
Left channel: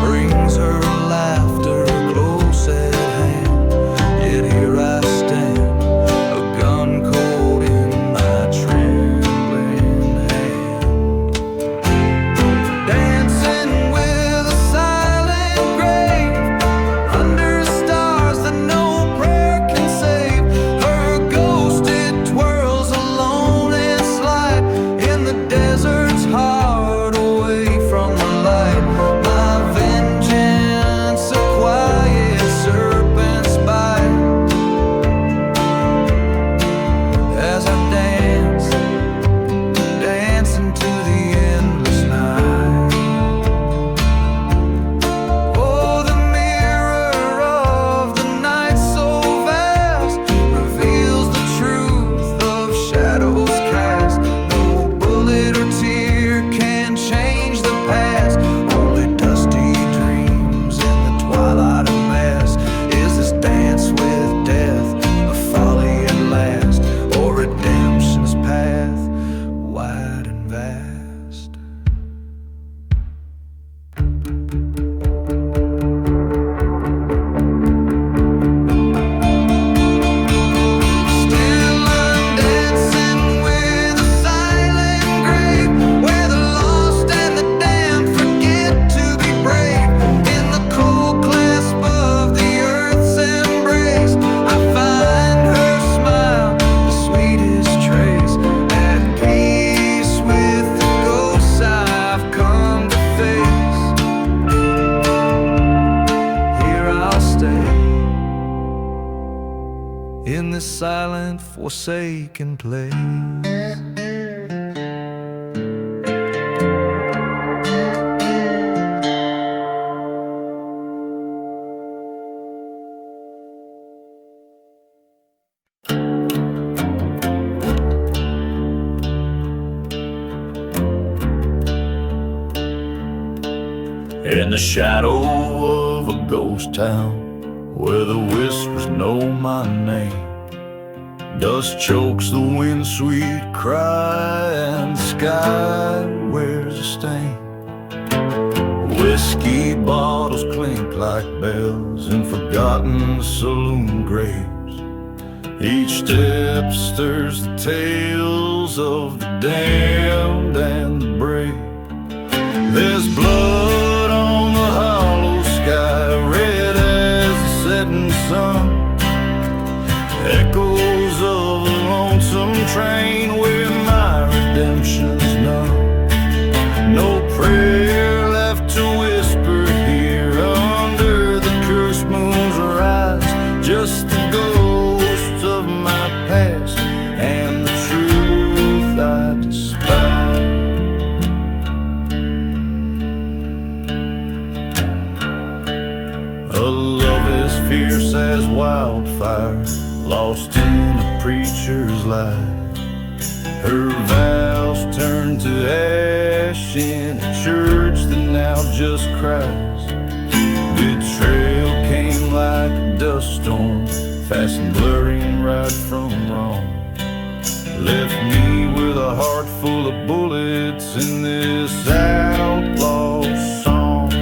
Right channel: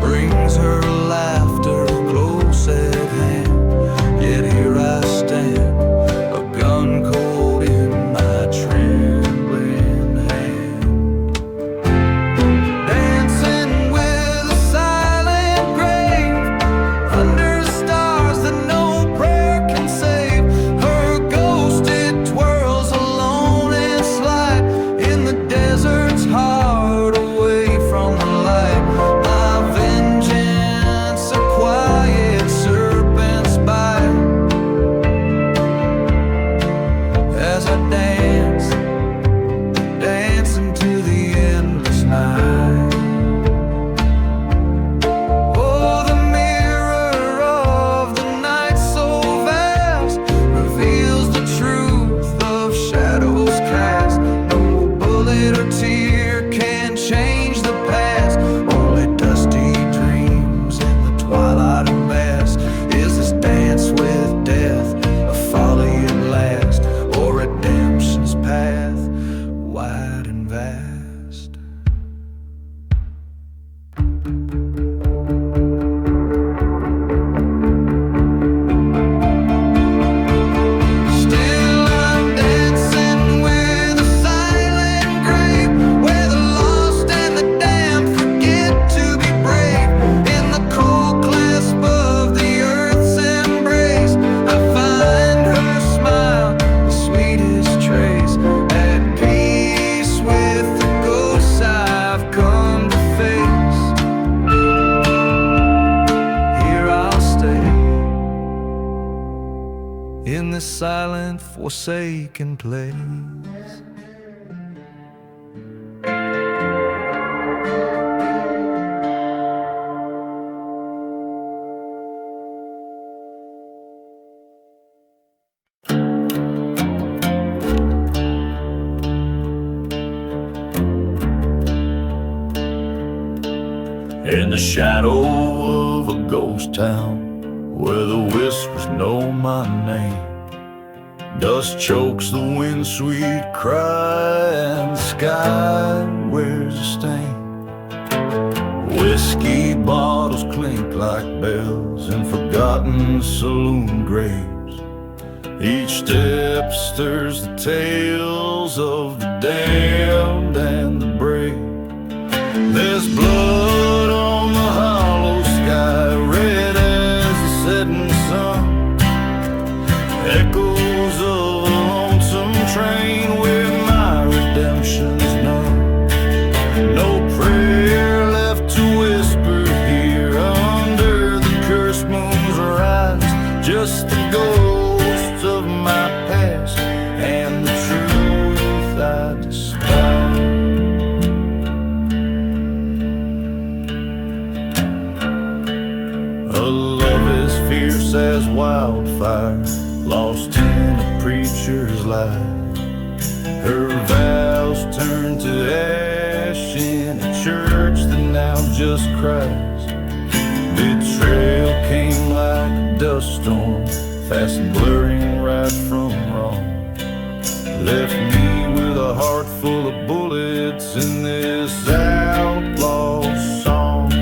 brings her laughter close at hand. Yet here I stand, a gun cold in my trembling hand. Dancing with a silent grave, under stars that no prayer can save. Her ghost it twirls alone and slight in the desert's heart, away from the light. My vengeance, a quiet serpent's bite, as I dance, dance into the endless night. Oh, the mirror of the night so vast reveals the truth of shadows cast. No bullet or tear can change the past, only dusty dreams in the twilight of mass. Is this dance with death a folly at last, or redemption's path wide and vast? Still I'm dancing with a silent grave, where the lost and the damned forget to be brave. In the cold clasp of the earth's embrace, I find her smile, the sweetest trace. At peace with the ghosts I've come to face, here I'll stay in this silent, forsaken place. In the shadow of a ghost town, where the whispers know my name. Dust chokes the wind, sweet cry, and the sky wears a stain. Whiskey bottles clink like bells in forgotten saloon graves. Each step stirs the tales of the damned and the brave. There's blood on the hollow sky, red as the setting sun. Echoes of a lonesome train where my redemption's none. No prayer left to whisper here under the cursed moon's rise. Just the ghosts of my past and the truth I despise. A love as fierce as wildfire, lost in a preacher's lie. Her vows turned to ash in a church that now just cries. Betrayal came like a dust storm, fast and blurring right from wrong. Left me with a heart full of bullets in this outlaw song.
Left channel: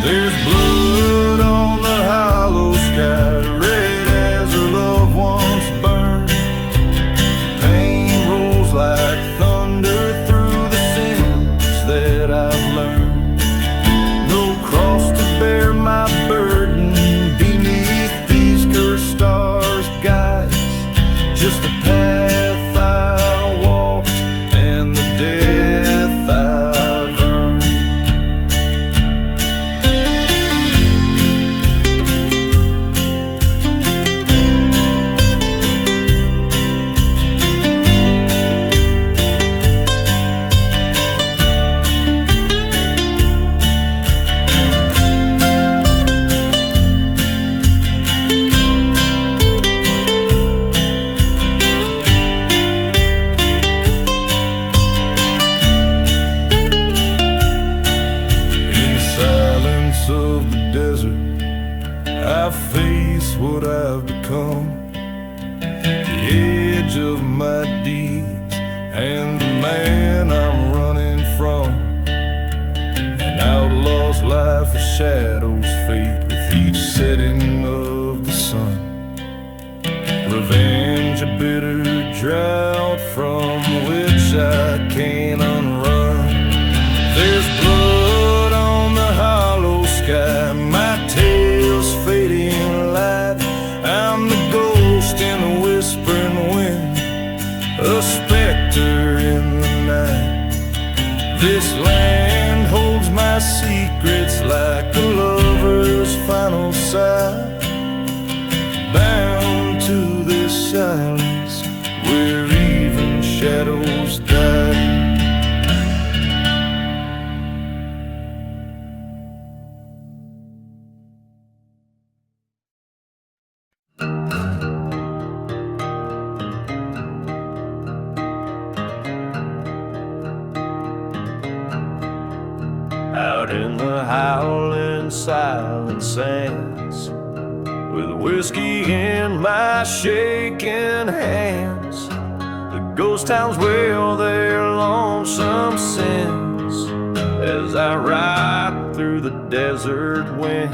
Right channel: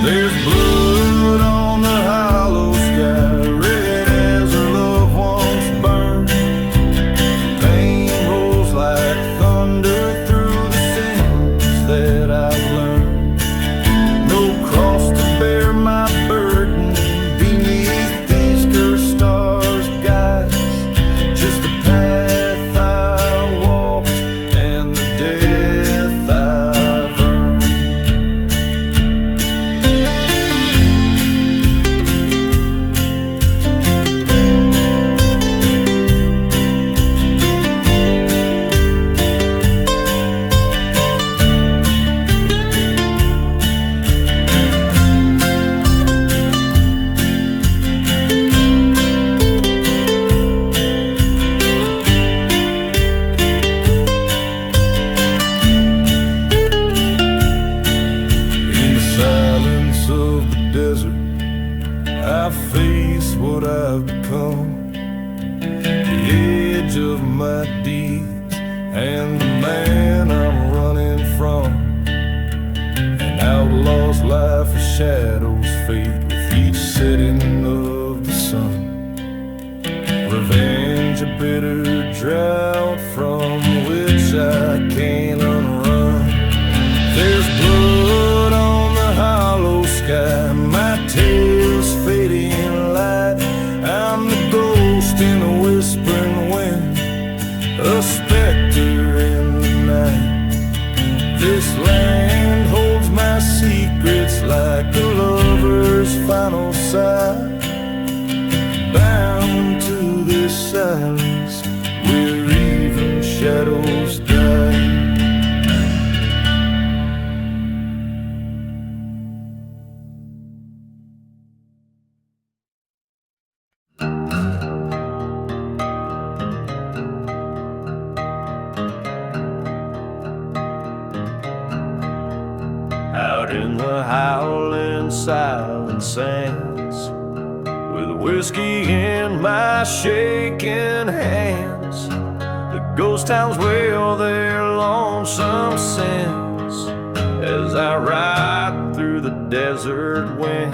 There's blood on the hollow sky, red as her loved ones burned. Pain rolls like thunder through the sins that I've learned. No cross to bear my burden beneath these cursed stars, guys. Just the path I walked and the death I've earned. Of the desert, I face what I've become, the edge of my deeds and the man I'm running from. An outlaw's life, a shadow's fate with each setting of the sun. Revenge, a bitter drought from which I can't unrun. There's blood on the hollow sky, my tale's fading light. I'm the ghost in a whispering wind, a specter in the night. This land holds my secrets like a lover's final sigh. Bound to this silence where even shadows die. Out in the howling silent sands, with whiskey in my shaking hands, the ghost towns wail their lonesome sins as I ride through the desert wind.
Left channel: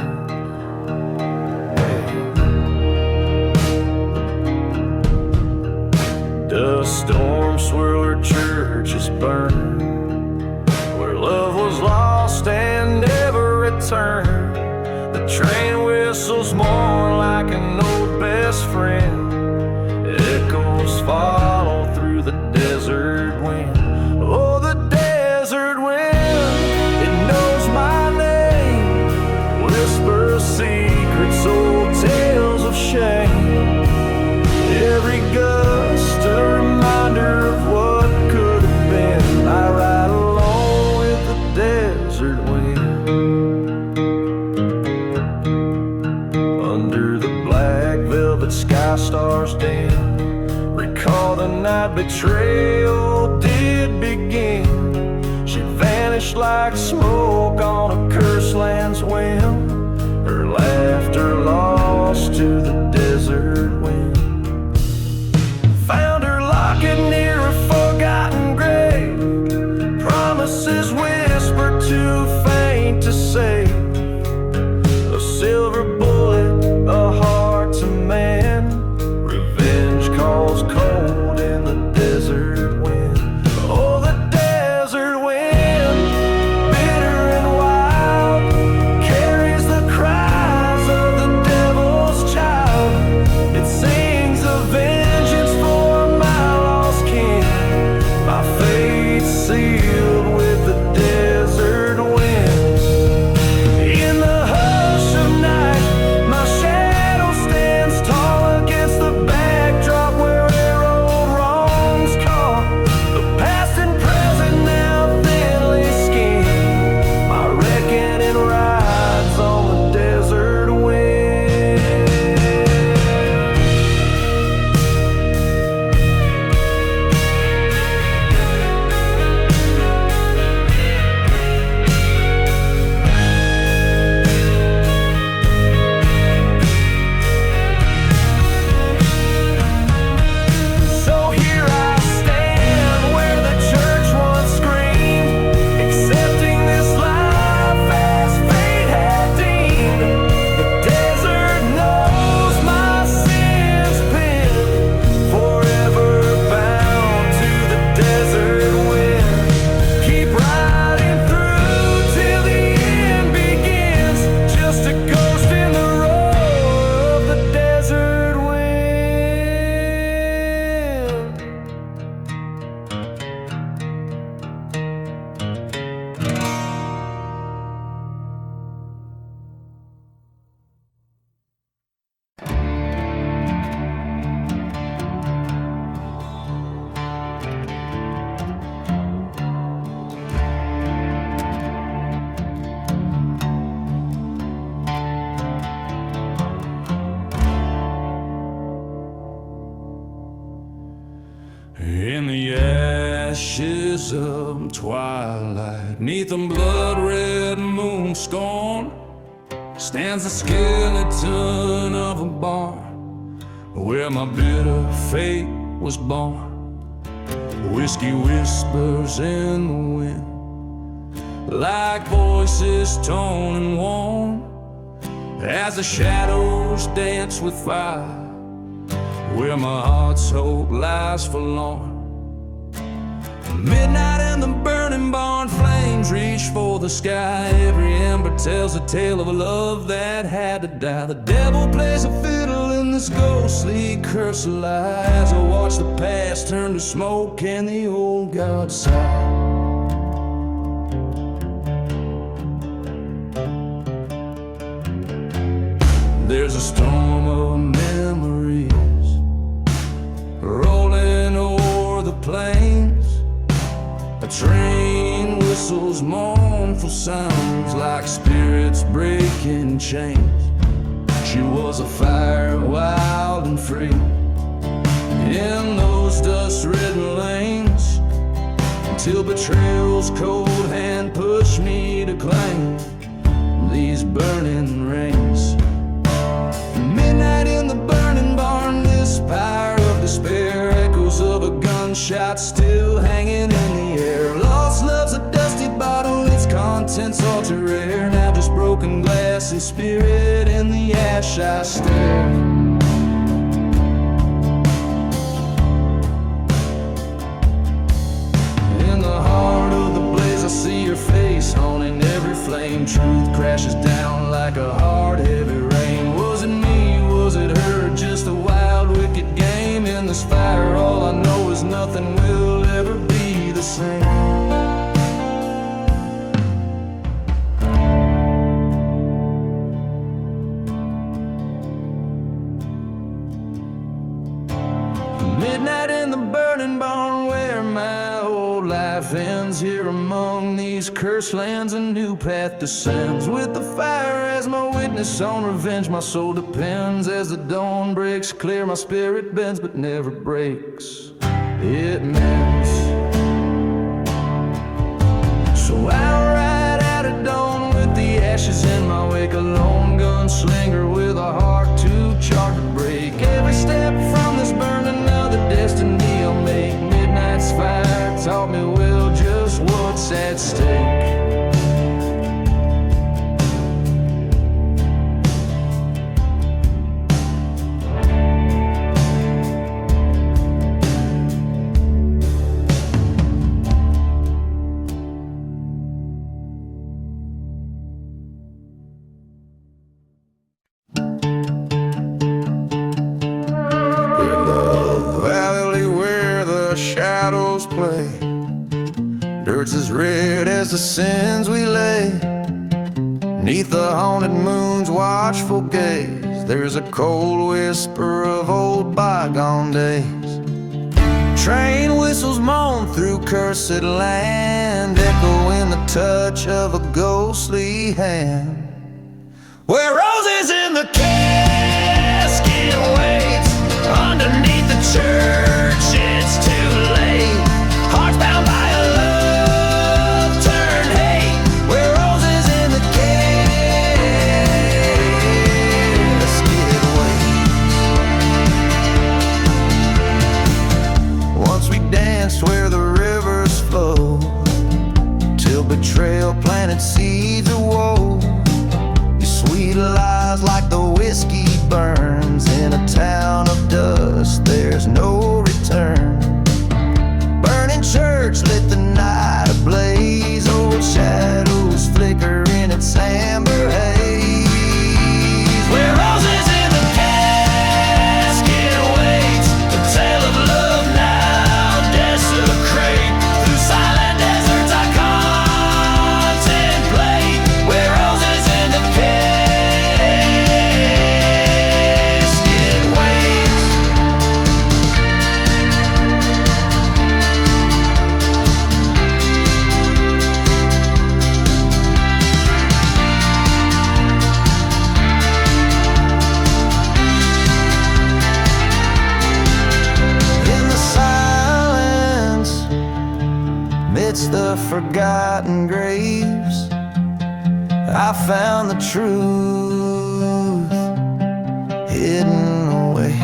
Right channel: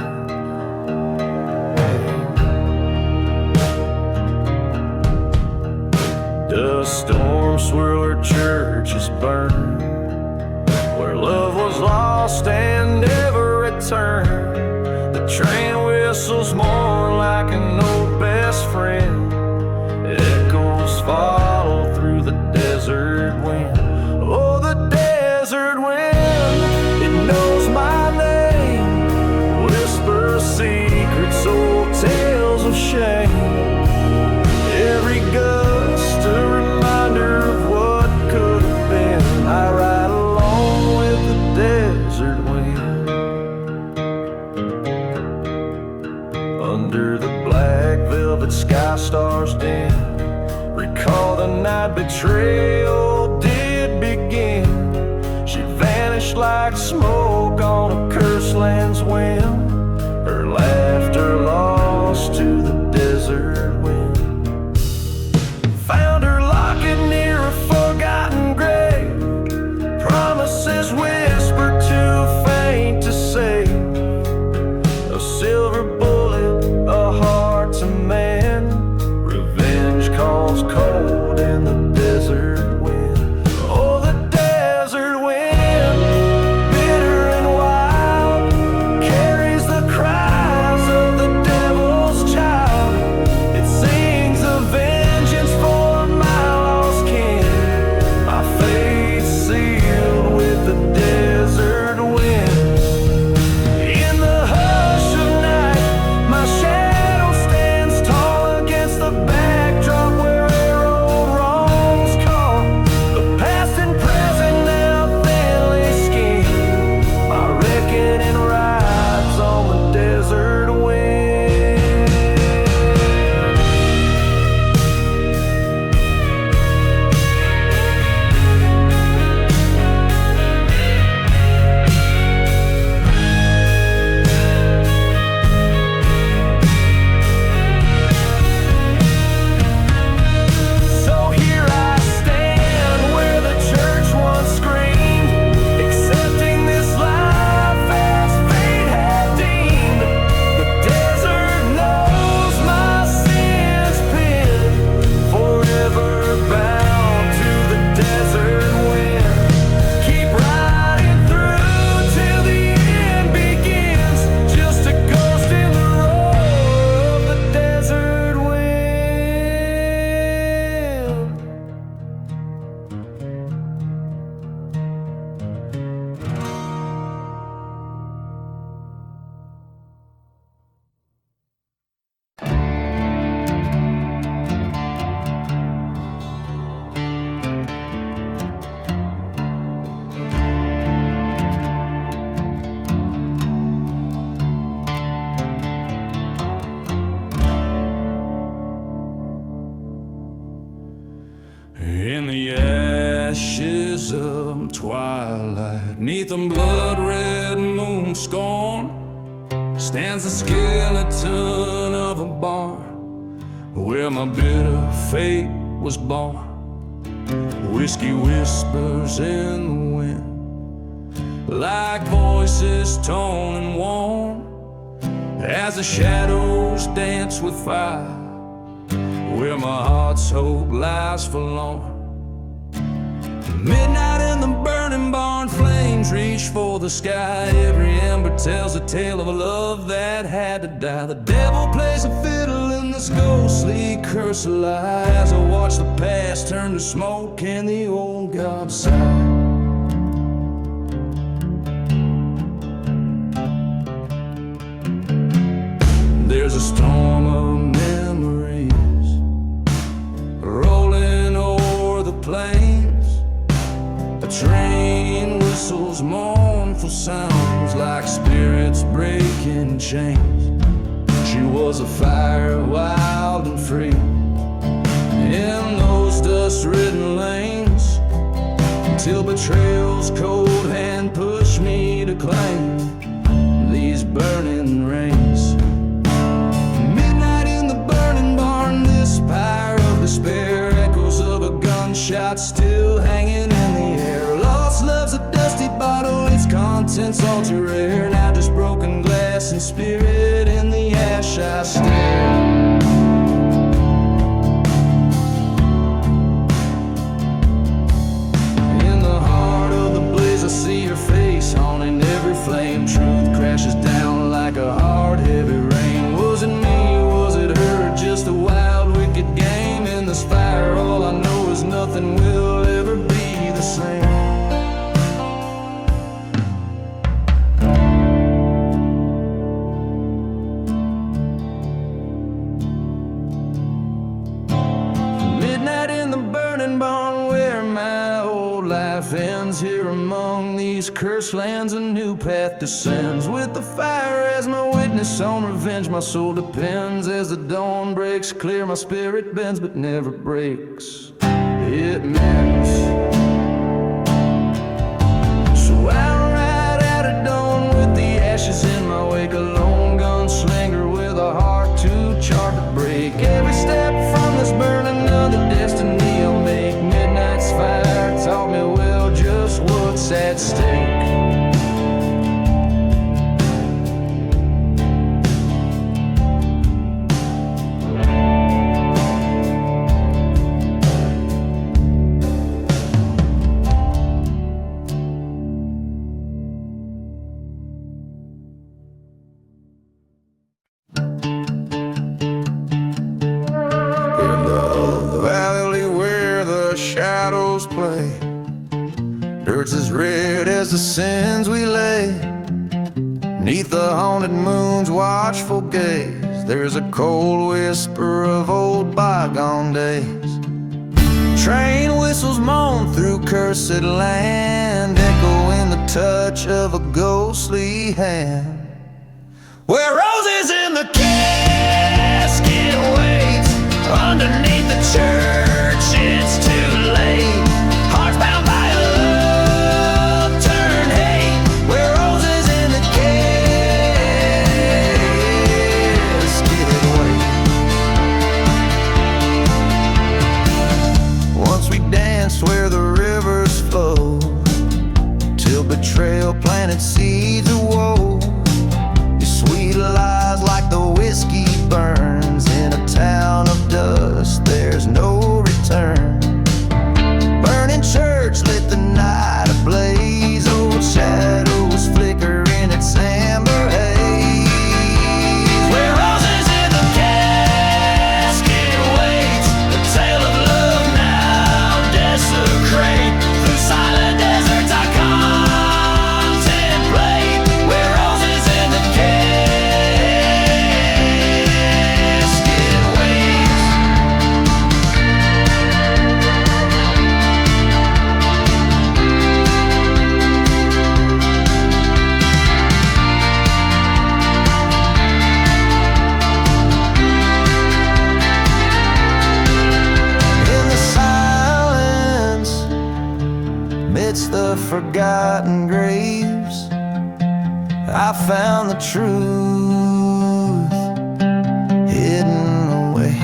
Dust storms swirl her churches burn, where love was lost and never returned. The train whistles more like an old best friend. Echoes follow through the desert wind. Oh, the desert wind, it knows my name. Whispers secrets, old tales of shame. Every gust a reminder of what could have been. I ride along with the desert wind. Under the black velvet sky stars dim, recall the night betrayal did begin. She vanished like smoke on a cursed land's whim. her laughter lost to the desert wind. Found her locket near a forgotten grave, promises whispered too faint to say. A silver bullet, a heart to man. Revenge calls cold in the desert wind. Oh, the desert wind, bitter and wild, carries the cries of the devil's child. It sings a vengeance for my lost kin, my fate sealed with the desert wind. In the hush of night, my shadow stands tall against the backdrop where arrowed wrongs call. The past and present now thinly skinned, my reckoning rides on the desert wind. So here I stand where the church once screamed, accepting this life as fate had deemed. The desert knows my sins pinned, forever bound to the desert wind. Keep riding through till the end begins, just a ghost in the roar of the desert wind. In the ashes of twilight, neath a blood-red moon scorn, stands the skeleton of a barn where my bitter fate was born. Whiskey whispers in the wind, like voices torn and worn, as the shadows dance with fire, where my heart's hope lies forlorn. Midnight in the burning barn, flames reach for the sky. Every ember tells a tale of a love that had to die. The devil plays a fiddle in this ghostly curse of lie, as I watch the past turn to smoke and the old gods sigh. There's a storm of memories rolling o'er the plains. A train whistles mournful sounds like spirits breaking chains. She was a fire, wild and free, in those dust-ridden lanes, until betrayal's cold hand pushed me to claim these burning reins. Midnight in the burning barn, this pyre of despair, echoes of a gunshot still hanging in the air. Lost love's a dusty bottle, its contents all too rare. Now just broken glass and spirit in the ash I stare. I see your face haunting every flame. Truth crashes down like a hard, heavy rain. Was it me? Was it her? Just a wild, wicked game in this fire. All I know is nothing will ever be the same. Midnight in the burning barn, where my old life ends. Here among these cursed lands, a new path descends. With the fire as my witness, on revenge my soul depends. As the dawn breaks clear, my spirit bends, but never breaks, it mends. So I'll ride out at dawn with the ashes in my wake, a lone gun taught me well just what's at stake. Shadows play, dirt's as red as the sins we lay. Neath the haunted moon's watchful gaze, there's a cold whisper of old bygone days. Train whistles moan through cursed land, echoing the touch of a ghostly hand. Where roses in the casket waits, underneath the church it's too late. Hearts bound by a love turned hate, where roses in the casket wait. Once we danced where the rivers flow, till betrayal planted seeds of woe. Sweet lies like the whiskey burns in a town of dust, there's no return. Burning church lit the night ablaze, old shadows flicker in its amber haze. Where roses in the casket waits, the tale of love now desecrate. Through silent deserts I contemplate, where roses in the casket the forgotten graves, I found the truth hidden away.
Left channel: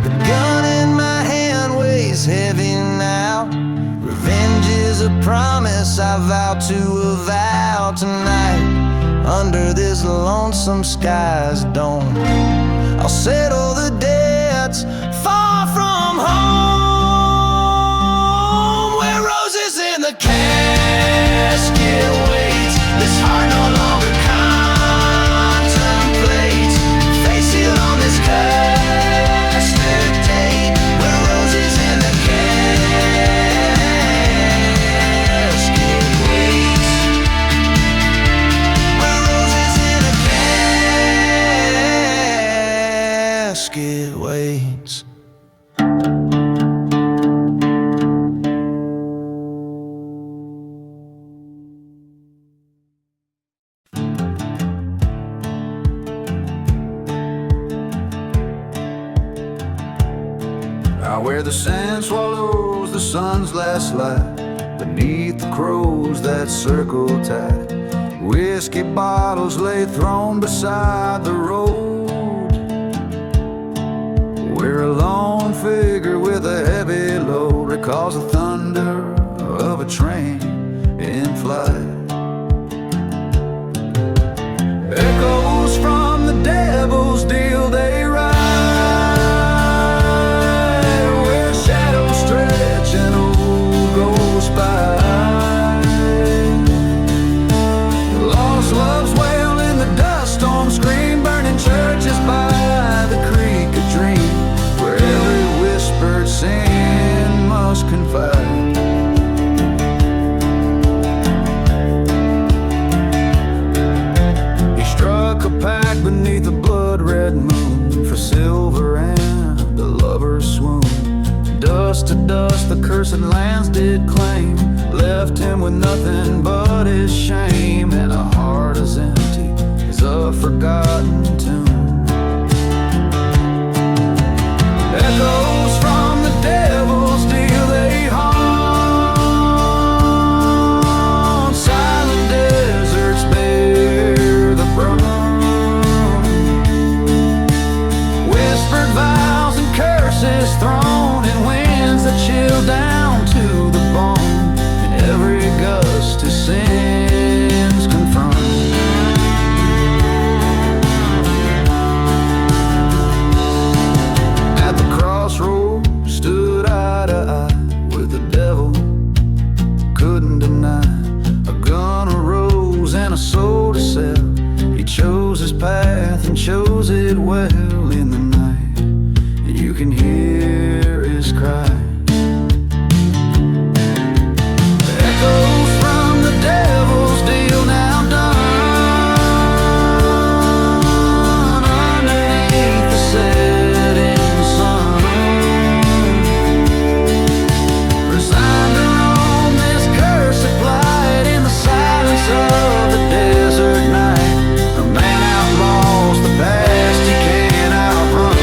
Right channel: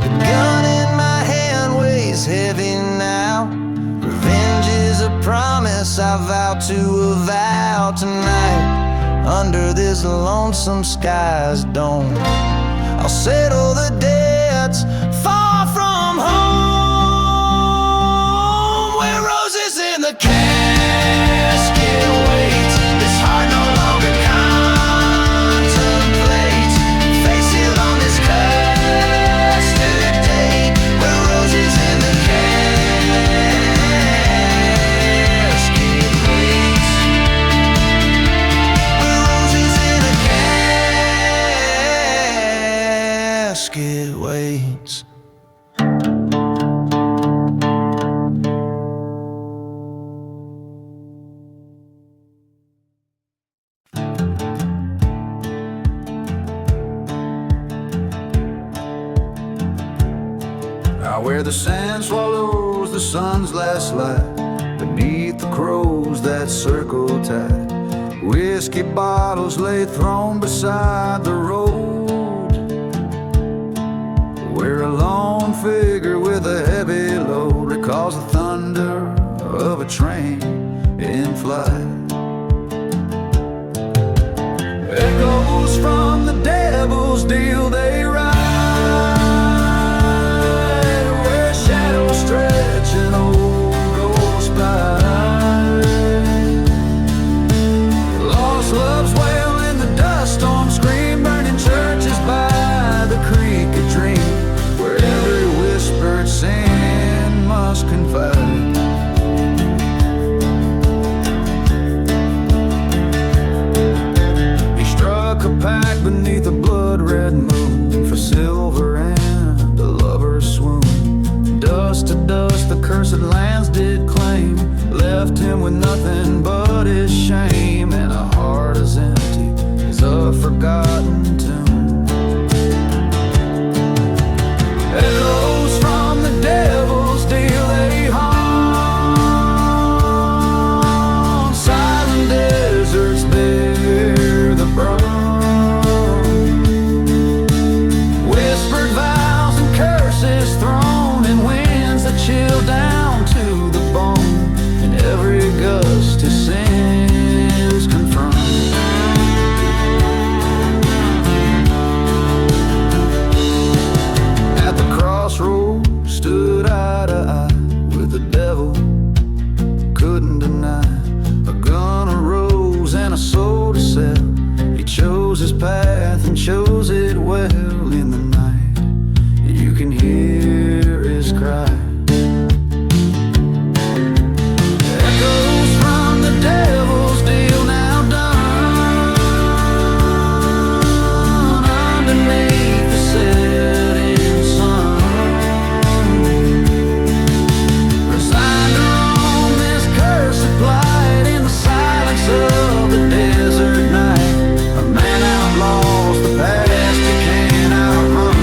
The gun in my hand weighs heavy now. Revenge is a promise I vow to avow tonight. Under this lonesome sky's dome, I'll settle the debts far from home. The casket waits, this heart no longer contemplates. Face sealed on this custard where roses in the casket waits. Where roses in a casket waits. Where the sand swallows the sun's last light, beneath the crows that circle tight. Whiskey bottles lay thrown beside the road, where a lone figure with a heavy load recalls the thunder of a train in flight. Echoes from the devil's deal they ride, stretch an old ghost by. Lost loves wail in the dust storm scream, burning churches by the creek of dream, where every whispered sin must confide. He struck a pact beneath a blood-red moon, for silver and a lover's swoon. Dust to dust the cursed lands did claim, left him with nothing but his shame, and a heart as empty as a forgotten tomb. Echoes from the devil's deal they haunt, silent deserts bear the brunt. Whispered vows and curses thrown in wind, a chill down to the bone, in every gust his sins confront. At the crossroads stood eye to eye with the devil, couldn't deny. A gun, a rose, and a soul to sell. He chose his path and chose it well. In the night you can hear his cry, echoes from the devil's deal now done, underneath the setting sun. Resigned to roam this cursed plight in the silence of the desert night. A man outlaws the past he can't outrun.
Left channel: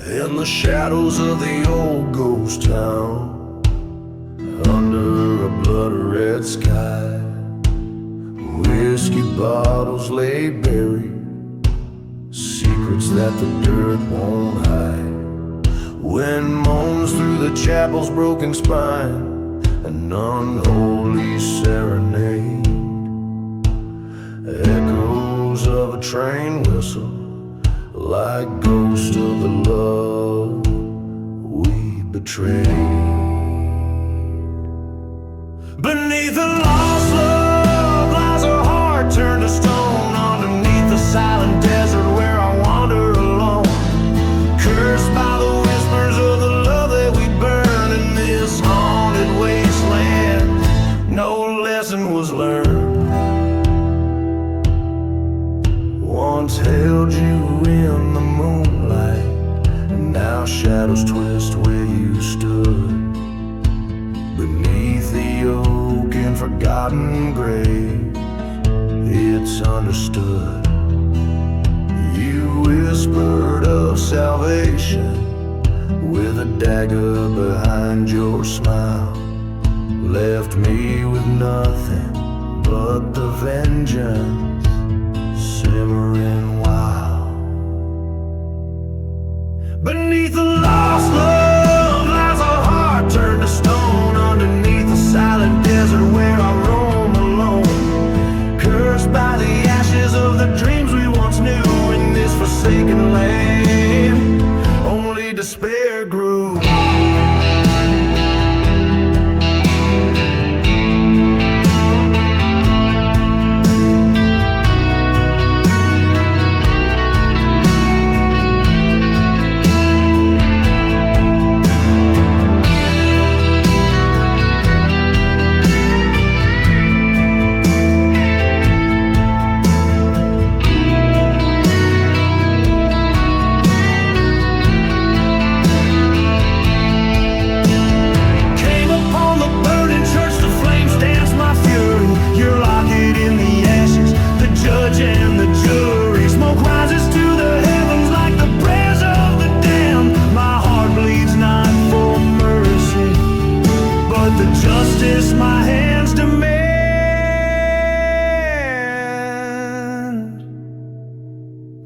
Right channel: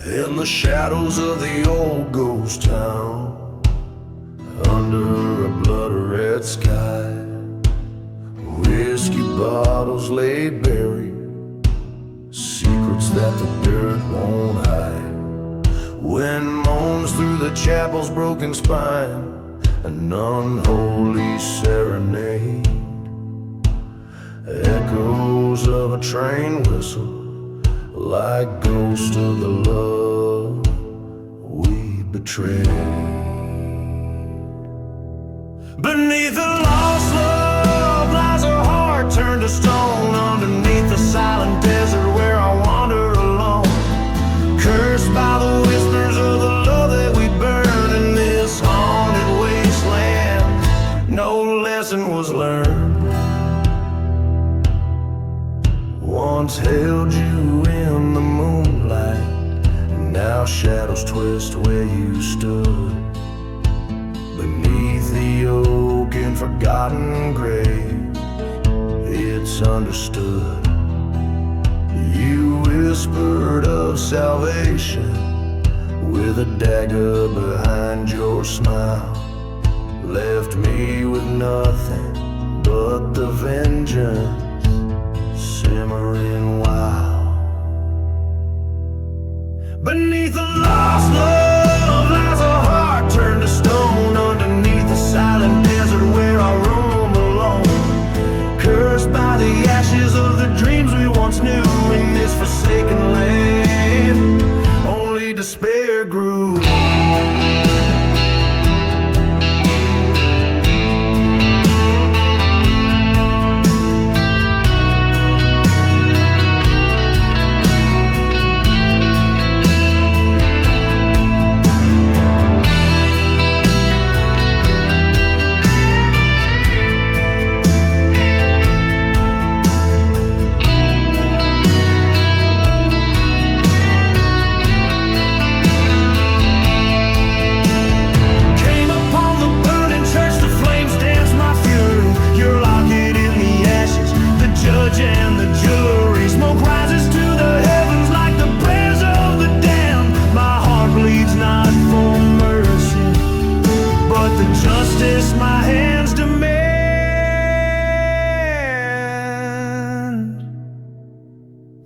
In the shadows of the old ghost town, under a blood-red sky, whiskey bottles lay buried, secrets that the dirt won't hide. Wind moans through the chapel's broken spine, an unholy serenade. Echoes of a train whistle, like ghosts of the love we betrayed. Beneath a lost love lies a heart turned to stone, underneath the silent desert where I wander alone, cursed by the whispers of the love that we burn in this haunted wasteland. No lesson was learned. Once held you in the moonlight, and now shadows twist where you stood. Beneath the oak and forgotten grave, it's understood. You whispered of salvation with a dagger behind your smile, left me with nothing but the vengeance simmering wild. Beneath a lost love lies a heart turned to stone, underneath the silent desert where I roam alone, cursed by the ashes of the dreams we once knew. In this forsaken land, only despair grew. My fury, your locket in the ashes, the judge and the jury. Smoke rises to the heavens like the prayers of the damned. My heart bleeds not for mercy, but the justice my hands demand.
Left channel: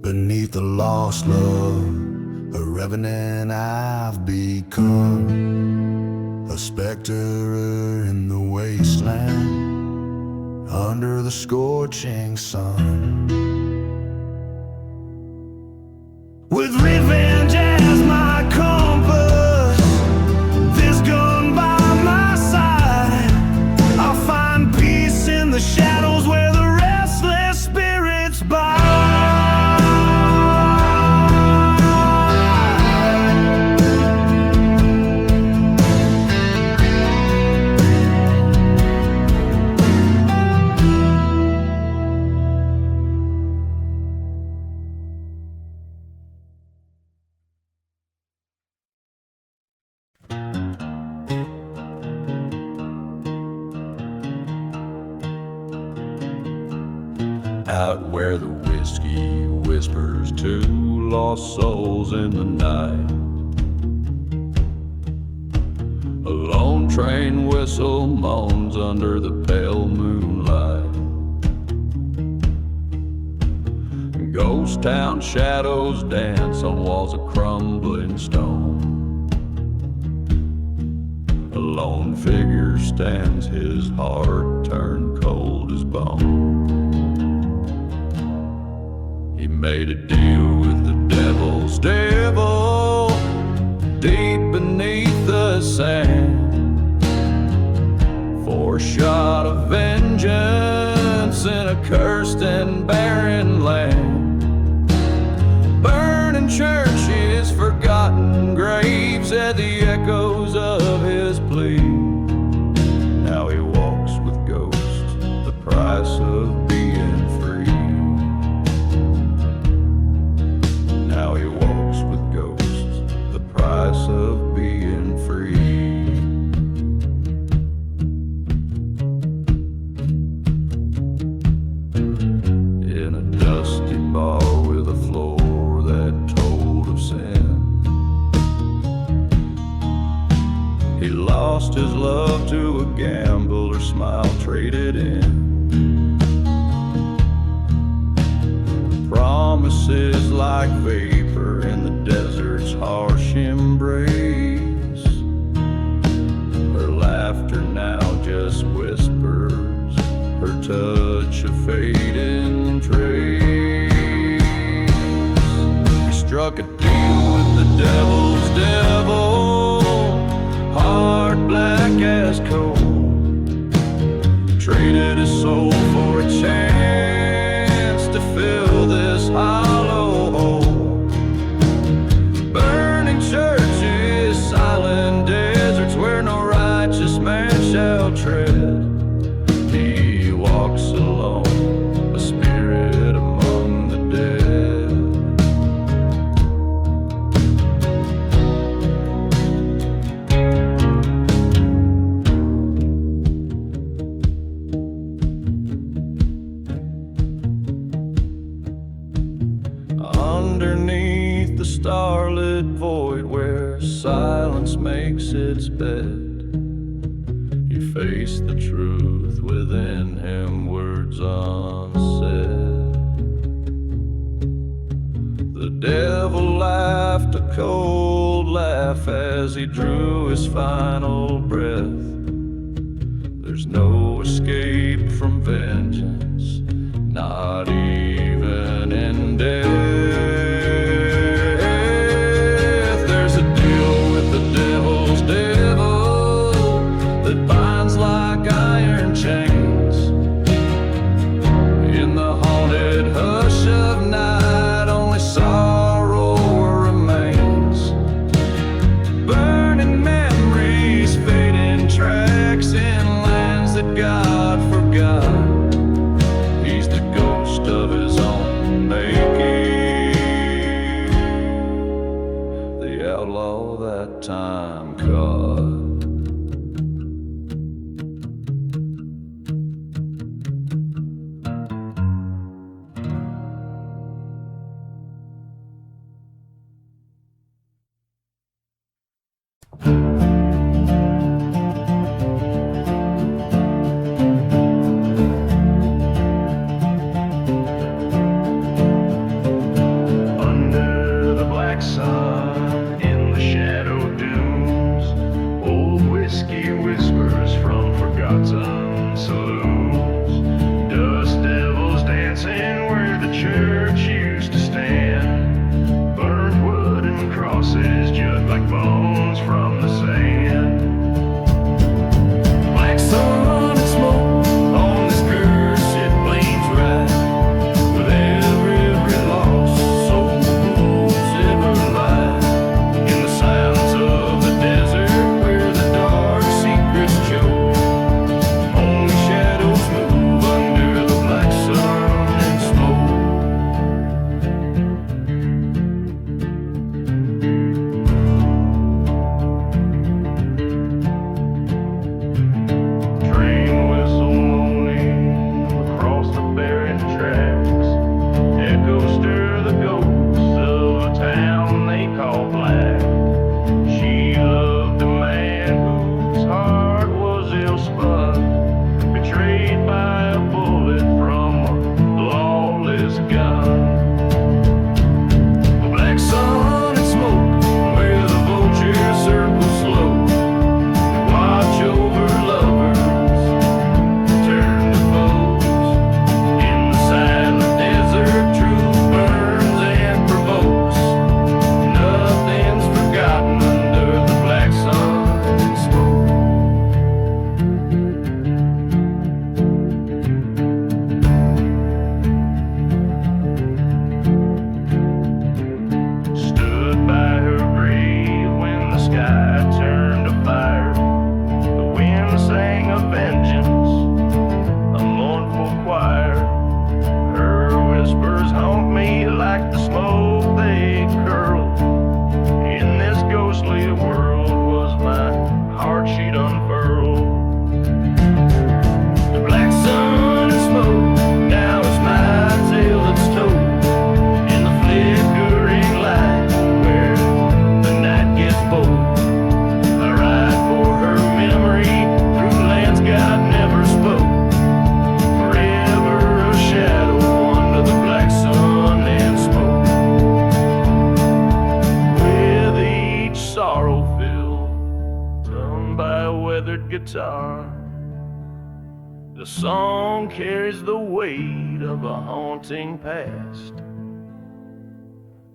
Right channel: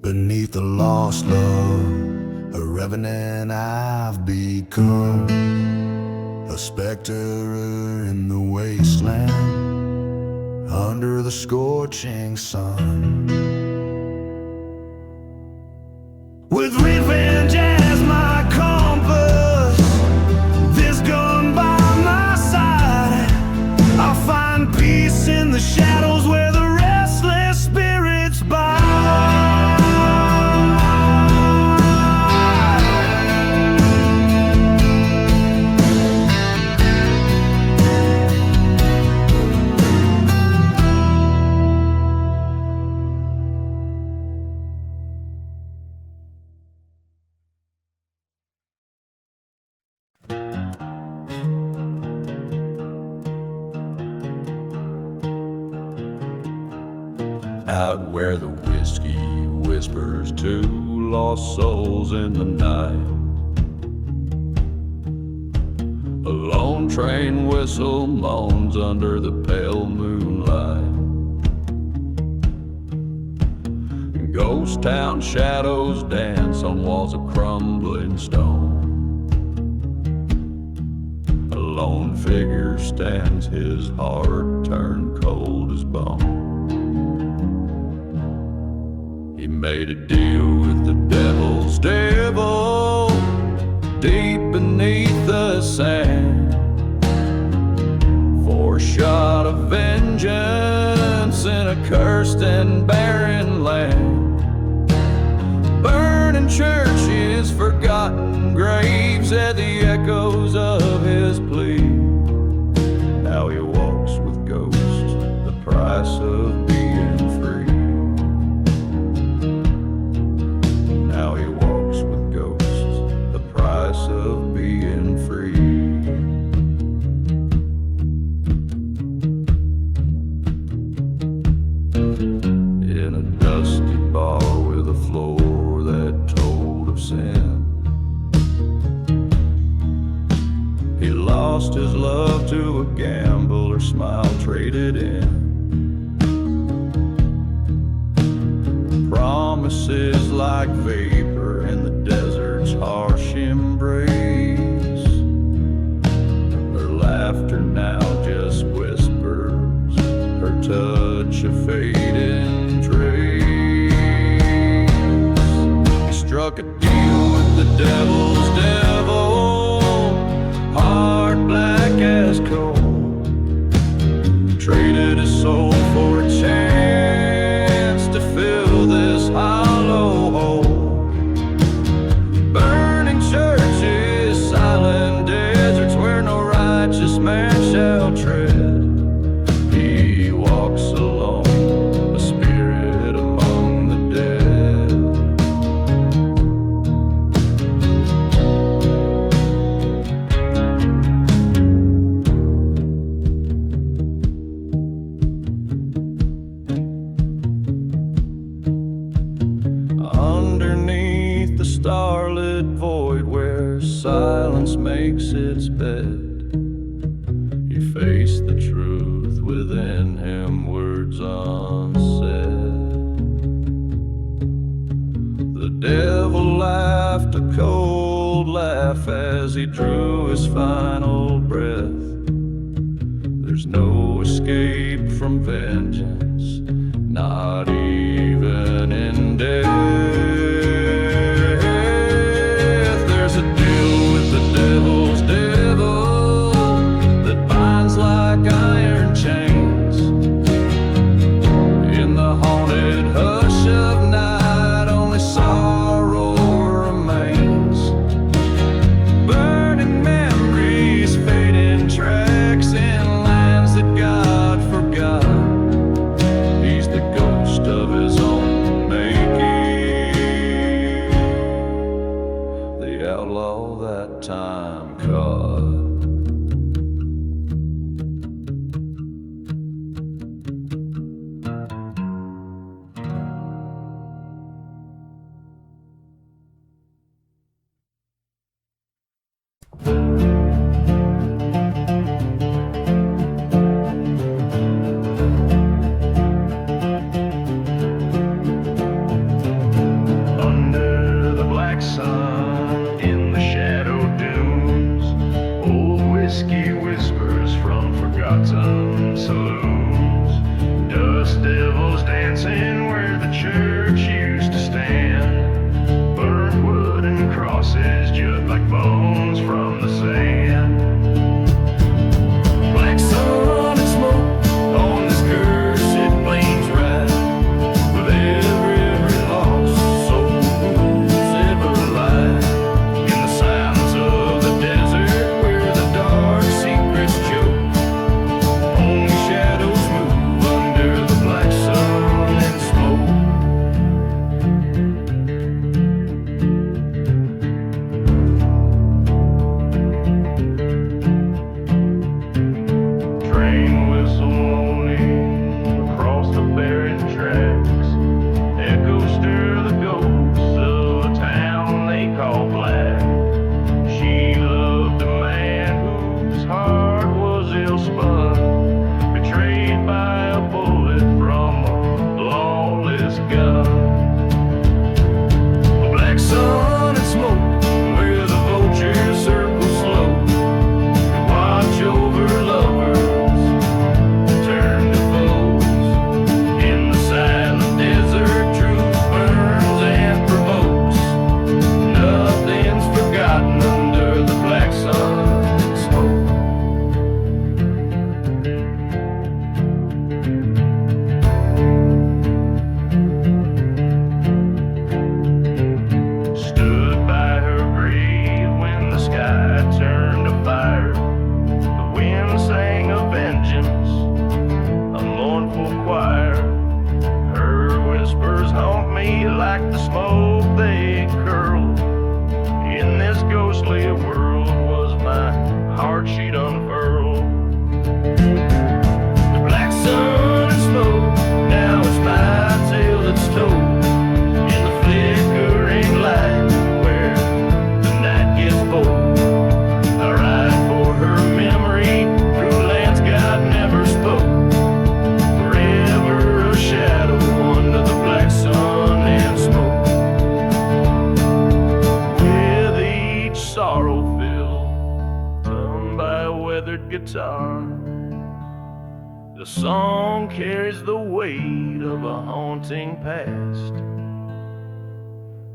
Beneath the lost love, a revenant I've become, a specter in the wasteland, under the scorching sun. With revenge as my compass, this gun by my side, I'll find peace in the shadows where the restless spirits bide. out where the whiskey whispers to lost souls in the night. A lone train whistle moans under the pale moonlight. Ghost town shadows dance on walls of crumbling stone. A lone figure stands, his heart turned cold as bone. He made a deal with the devil's devil deep beneath the sand for a shot of vengeance in a cursed and barren land. Burning churches, forgotten graves at the echoes of his plea. Now he walks with ghosts, the price of being free. Now he walks with ghosts, the price of being free. In a dusty bar with a floor that told of sin, he lost his love to a gambler's smile traded in. Promises like vapor in the desert's harsh embrace. Her laughter now just whispers, her touch a fading trace. He struck a deal with the devil's devil, heart black as coal. Traded his soul for a chance to fill this hollow hole. Burning churches, silent deserts where no righteous man shall tread. He walks alone, a spirit among the dead. Underneath the starlit void where silence makes its bed, he faced the truth within him, words unsaid. The devil laughed a cold laugh as he drew his final breath. There's no escape from vengeance, not even in death. There's a deal with the devil's devil that binds like iron chains. In the haunted hush of night, only sorrow remains. Burning memories, fading tracks in lands that God forgot. He's the ghost of his own making, the outlaw that time caught. Under the black sun, in the shadow dunes, old whiskey whispers from forgotten saloons. Dust devils dancing where the church used to stand. Burnt wood and crosses jut like bones from the sand. Black sun and smoke on this curse, it blames right with every lost soul's ever light. haunt me like the smoke they curl. In this ghostly world was my heart she'd unfurl. The black sun and smoke, now it's my tale that's told. In the flickering light where the night gets bold, I ride for her memory through lands God never spoke. Forever a shadow under the black sun and smoke. With each sorrow filled, toned by a weathered guitar, the song carries the weight of a haunting past,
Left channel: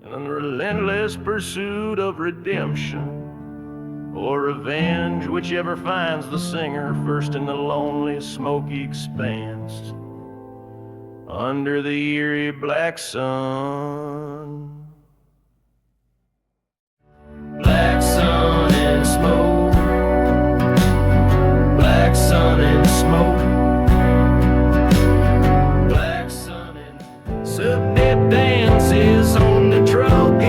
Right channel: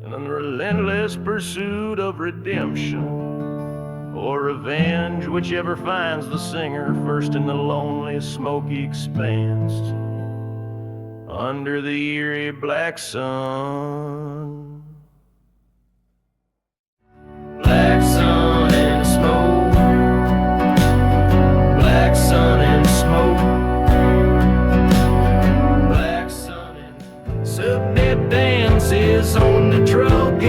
and a relentless pursuit of redemption or revenge, whichever finds the singer first in the lonely, smoky expanse under the eerie black sun. Black sun and smoke, black sun and smoke, black sun and subnet dances on the truck.